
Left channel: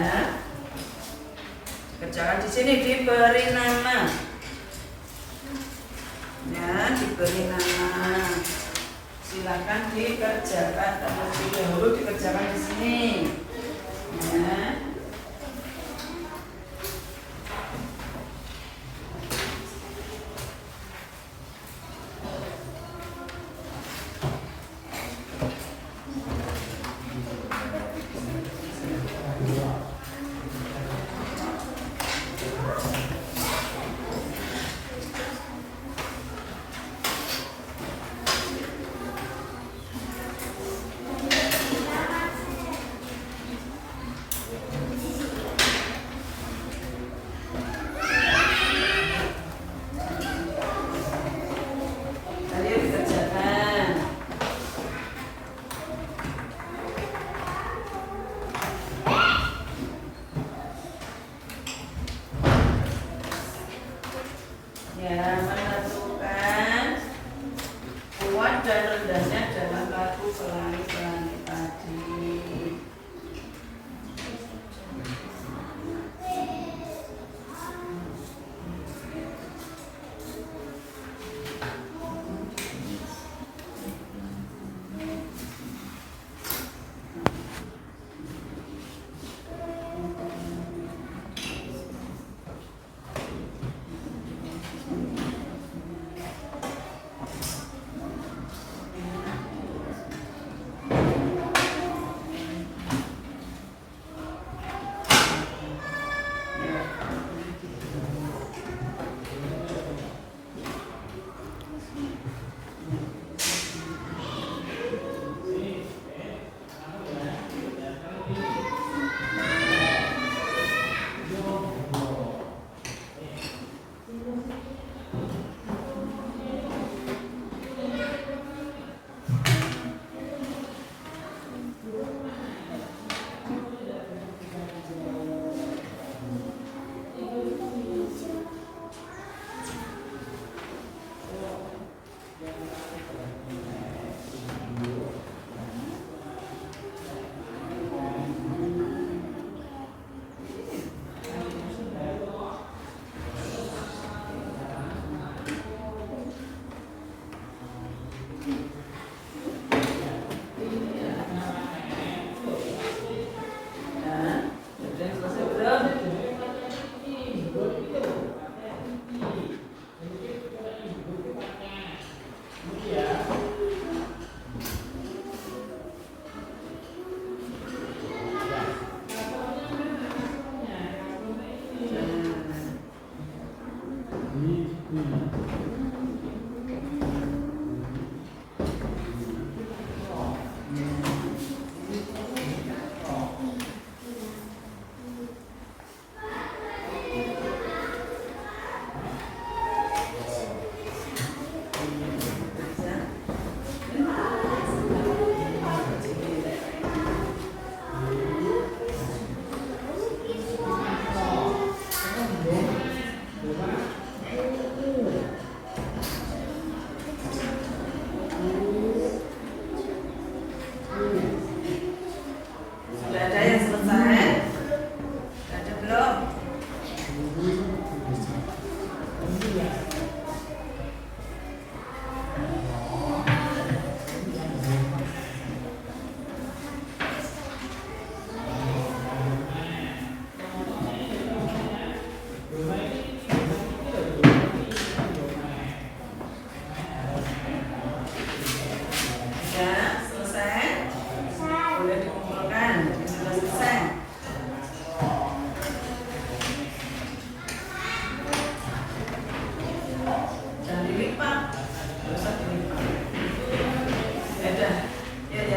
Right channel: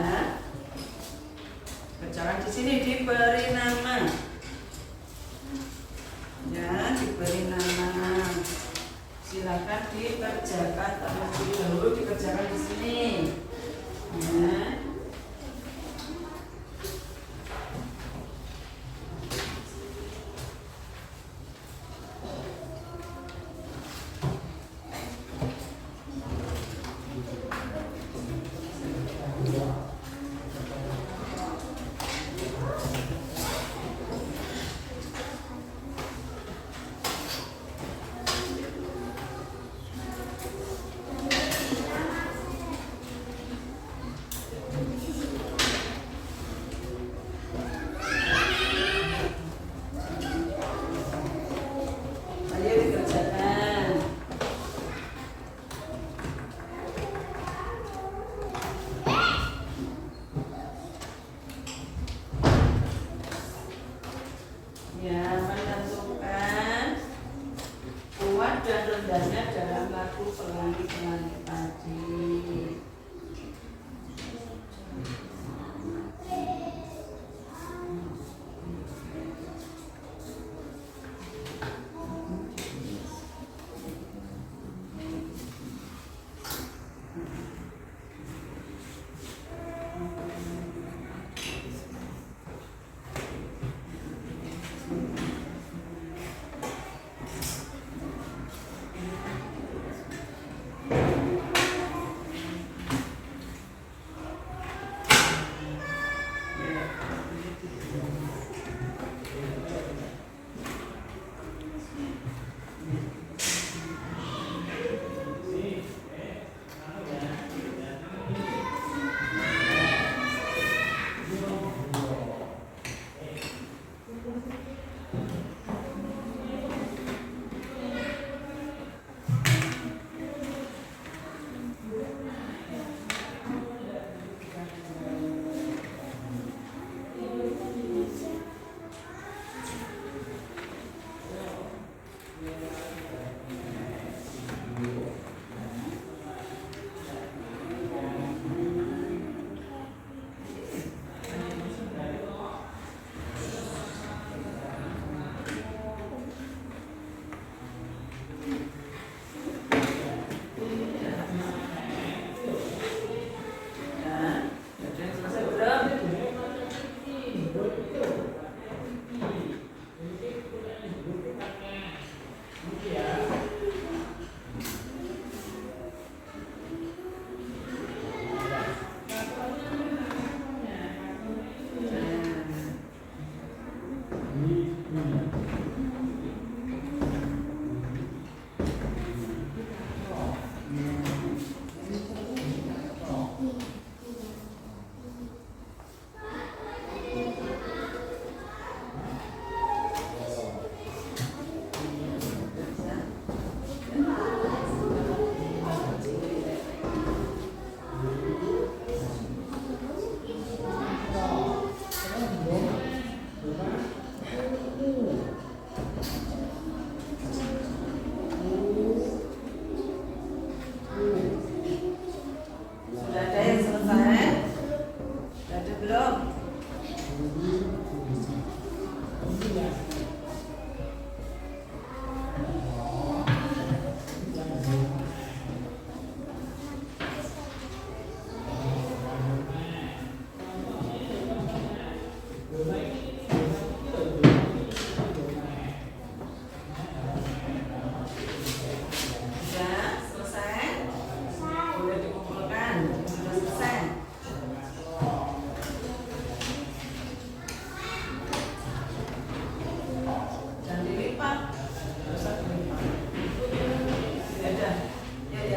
Kerjakan di sini, diberi nama. Ya, diberi nama. Silakan dikerjakan, terlebih dahulu dikerjakan di sini. Ya.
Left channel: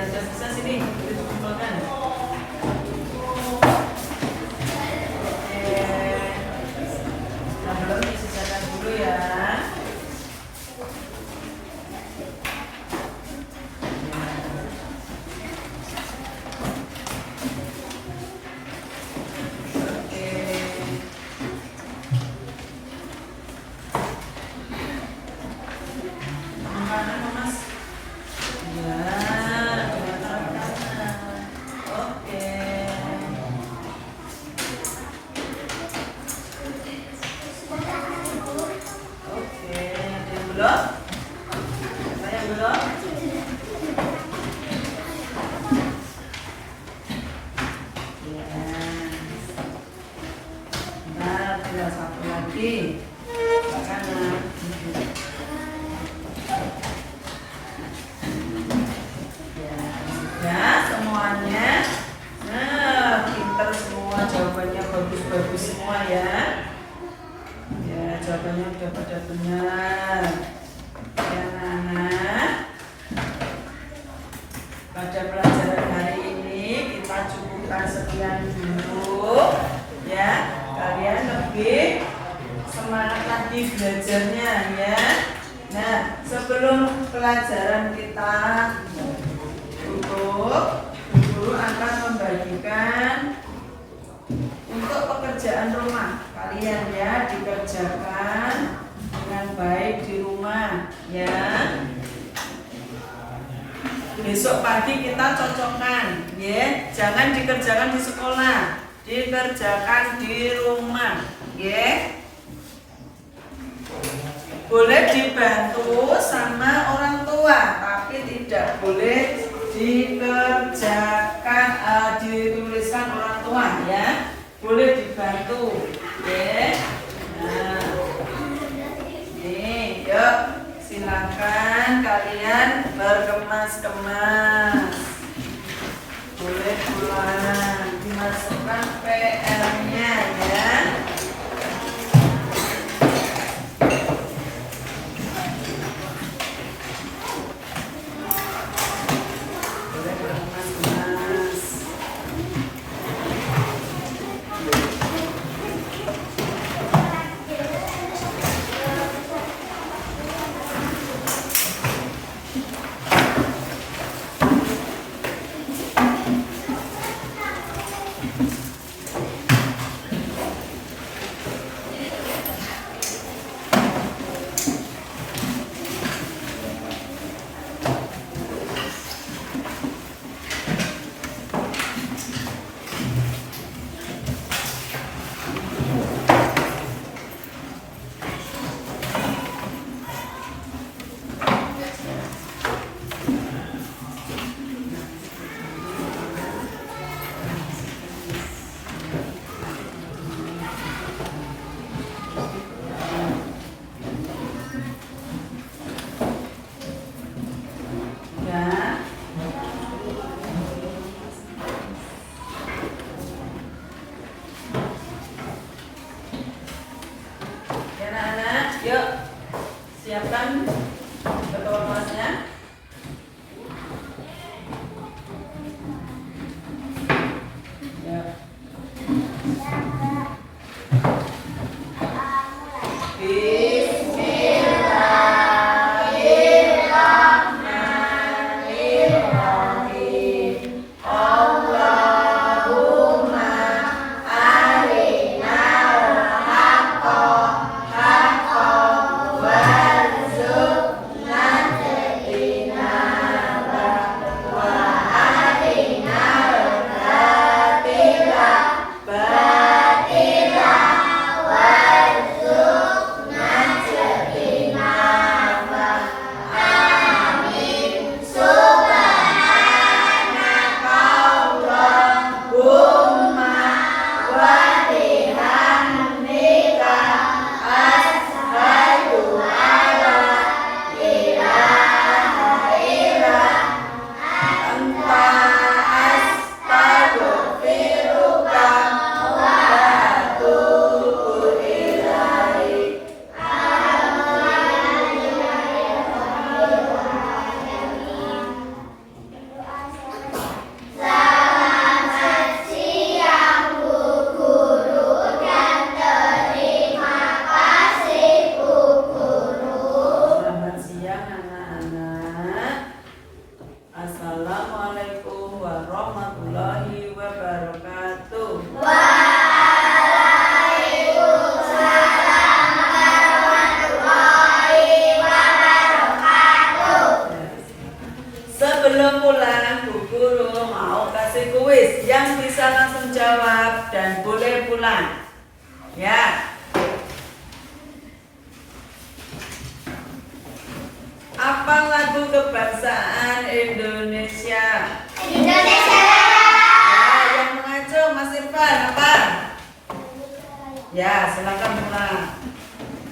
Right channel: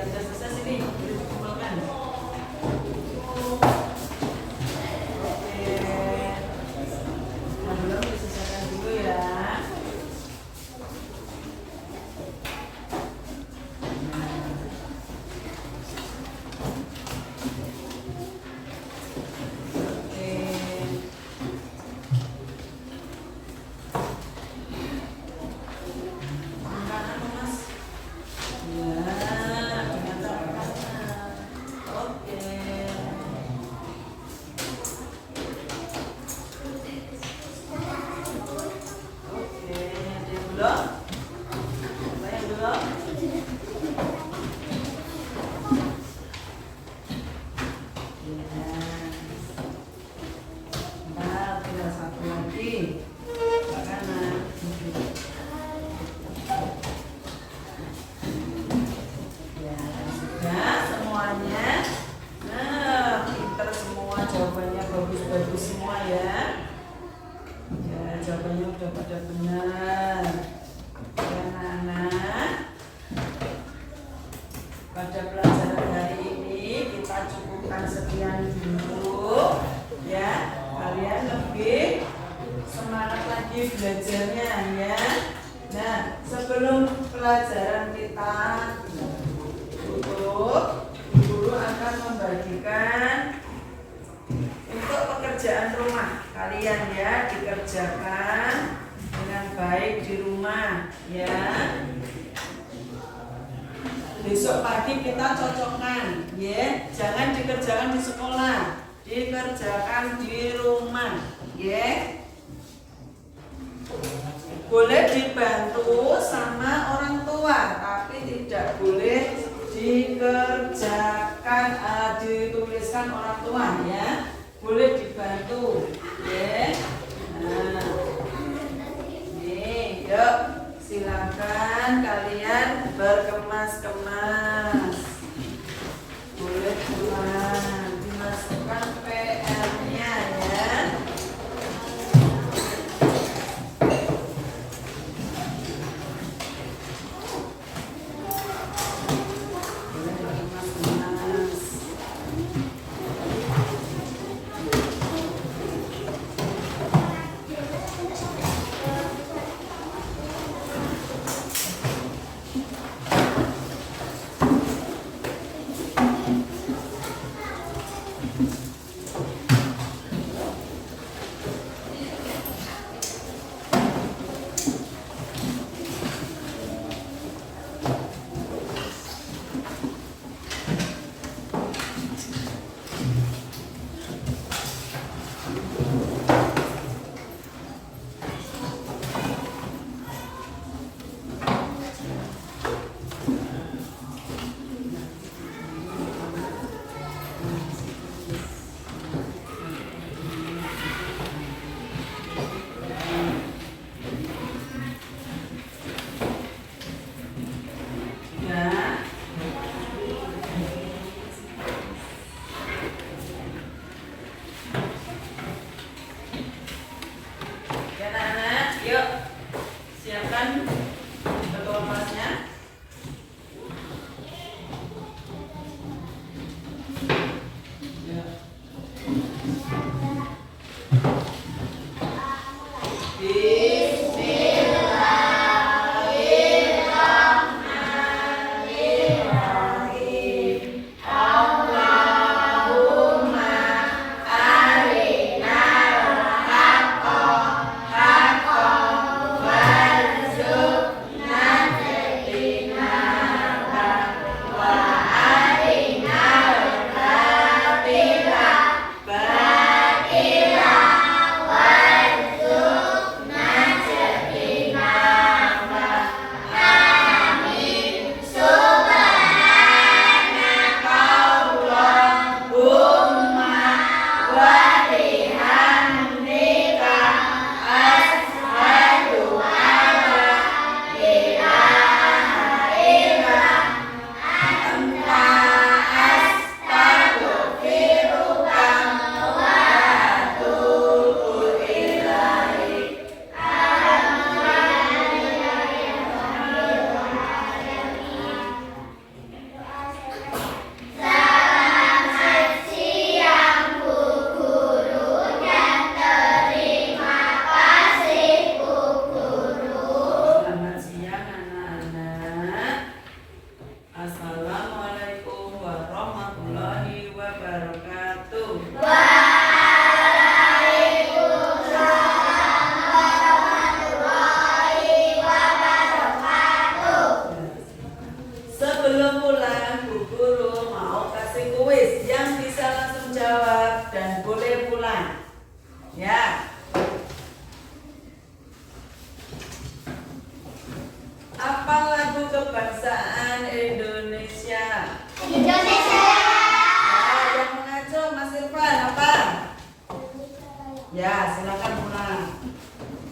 sudah selesai sini dikumpulkan. Oke, yang belum disisihkan dulu ya. Bagus semua ya. Ya, jawabannya udah pada benar. Ya, Nana. Pada pelajaran hari ini kita cukupkan sekian dulu. Ya, kalian lebih semangat lagi belajarnya ya. Nah, sebelum pelajaran kita tutup, guru akan membagikan untuk pekerjaan rumah kalian ya, dikerjakan dengan baik di rumah ya. Besok pagi kita cocokkan ya, jangan dikerjakan di sekolah, dikerjakan di rumah ya. Boleh dibantu sama orang tua, tapi tidak boleh dikerjakan, dituliskan orang tua ya. Boleh dibantu ya. Nah, nih yuk silakan kalian berkemas-kemas. Boleh pulang, dimasukkan PR-nya ya. kasih kuis yang bisa langsung jawab dan boleh pulang. Ya. Apa lagu kebangsaan Indonesia? Indonesia. Ya, yang mengacung Mas Irfan apa? Ya, silakan pulang.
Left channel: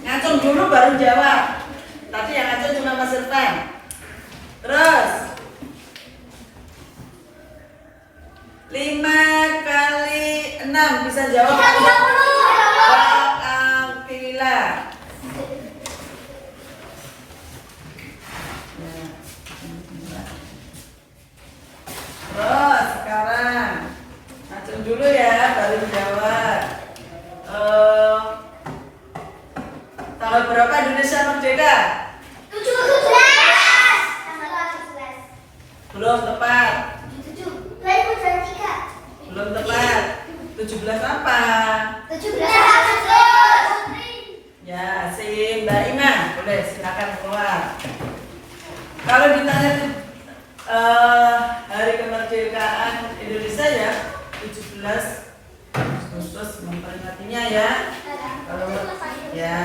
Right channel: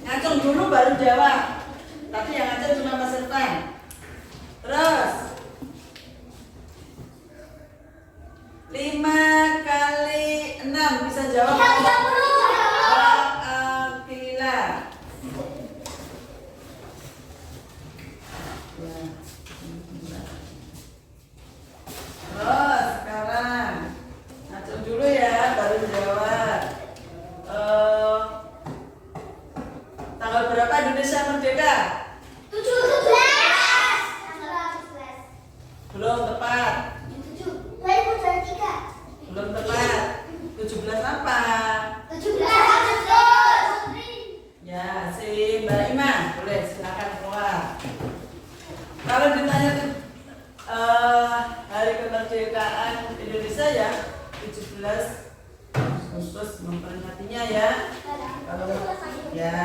Ngacung dulu baru jawab. Tadi yang ngacung cuma Mas Irfan. Terus 5 kali 6 bisa jawab? 30. Alhamdulillah. Ya. Terus sekarang ngacung dulu ya baru jawab. Tanggal berapa Indonesia merdeka? 17. Belum tepat. 2023. Belum tepat. 17 apa? 17 Agustus. Ya, si Mbak Ima, boleh silakan keluar. Kalau ditanya hari kemerdekaan Indonesia ya 17 Agustus memperingatinya ya. Kalau ya.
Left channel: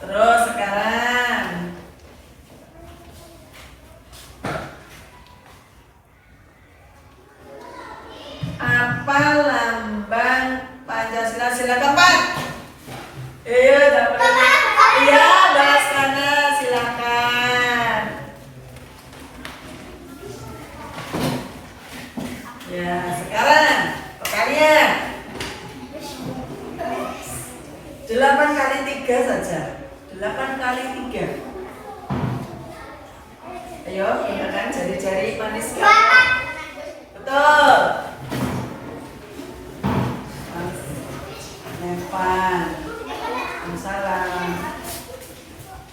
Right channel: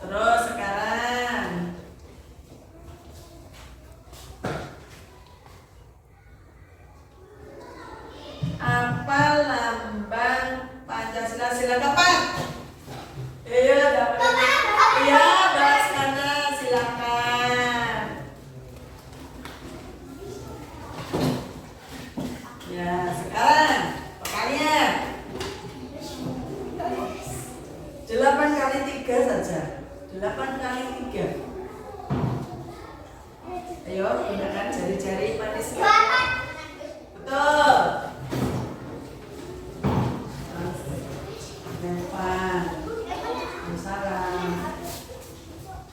Terus sekarang apa lambang Pancasila? Silakan Pak. Iya, dapat. Iya, bahas sana silakan. Ya, sekarang pertanyaan 8 kali 3 saja. 8 kali 3. Ayo, gunakan jari-jari manis. Betul. Evan, salam.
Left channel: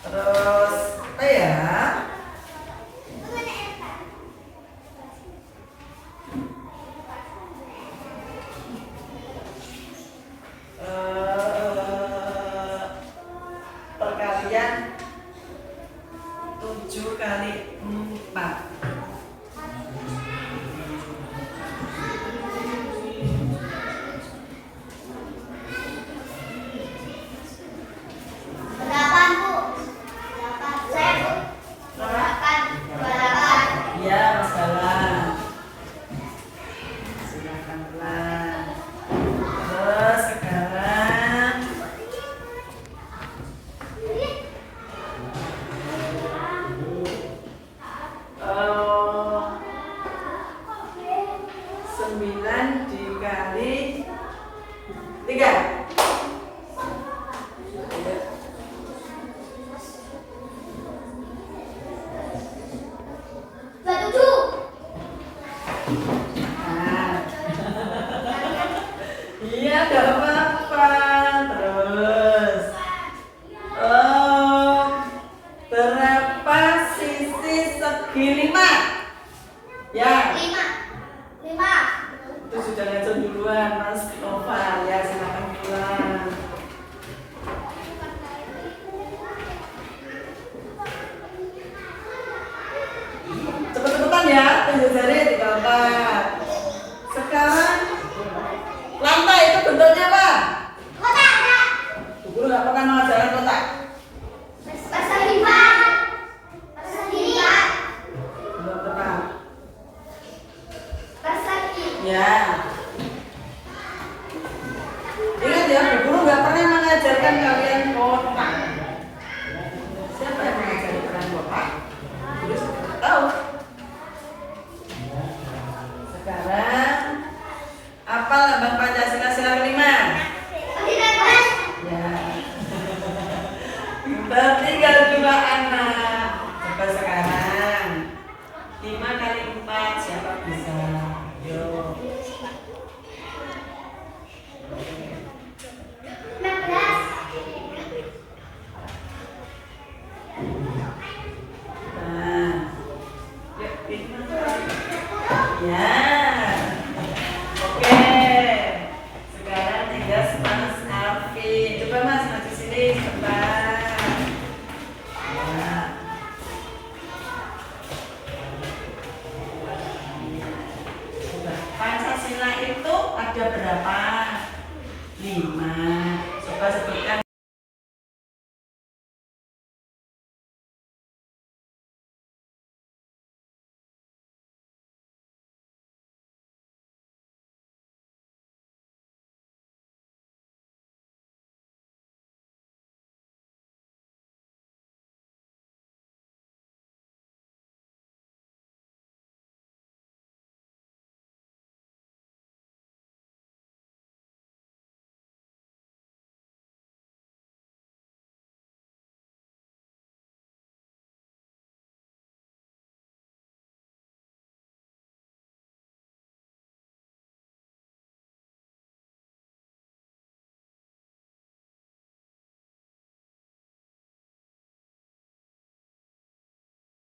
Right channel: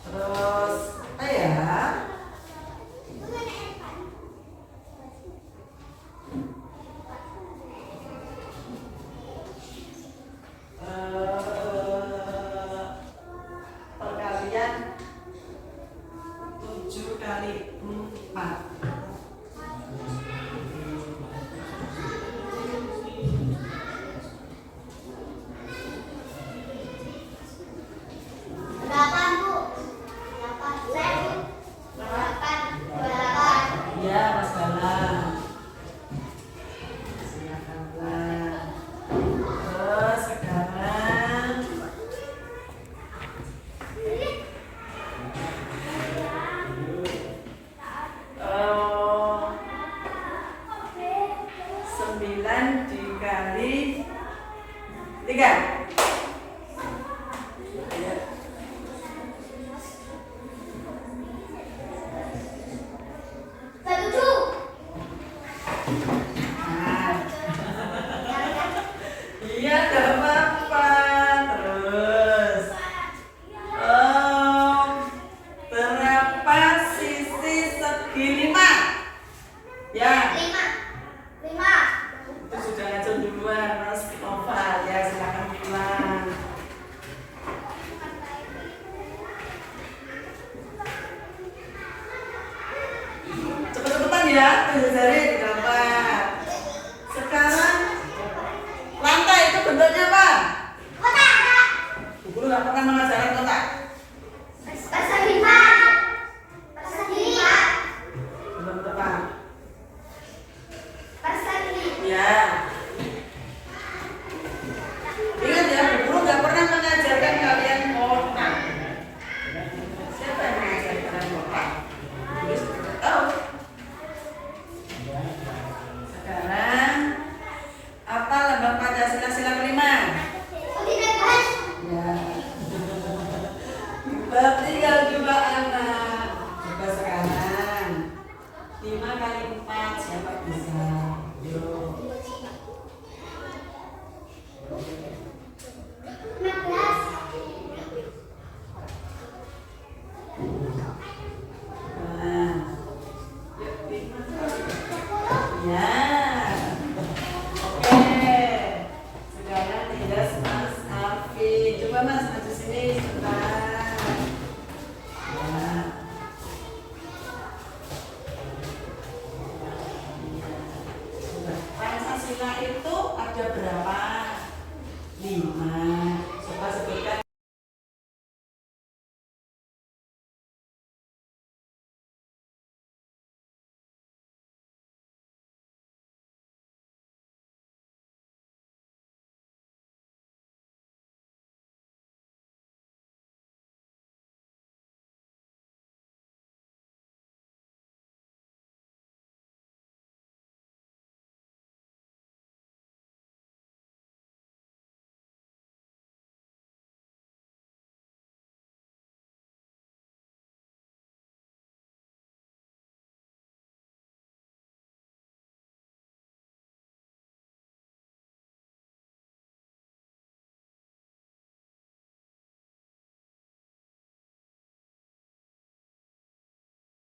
Terus apa ya? Perkalian 7 kali 4. Iya, Mas Galang. Silakan pulang. Terus sekarang oh, 9 dikali 3. Iya, gak apa-apa. Terus berapa sisi segi 5? Ya, itu sudah ngacung duluan Mas Nova. Ya, silakan pulang. Cepet-cepetan ya, tunjuk jari digambar. Sekarang lantai itu bentuknya apa? Bu Guru nggak pernah mengajarkan kotak. Belum tepat. Ya. Ingat ya, Bu Guru nggak pernah mengajarkan kalian kotak. Siapa yang mengajarkan kalian kotak? Jadi sudah tahu. Sekarang apa lambang Pancasila sila kelima? Ya. Tinggal 2 anak. Coba sekarang 5 kali 4 siapa bisa? Yuk. Nah. Yuk, 5. Ya. Oke. Sekarang tinggal Mas Alvin. Coba Mas maju sini sebentar. Ya. ada berapa? 5. Coba sebutkan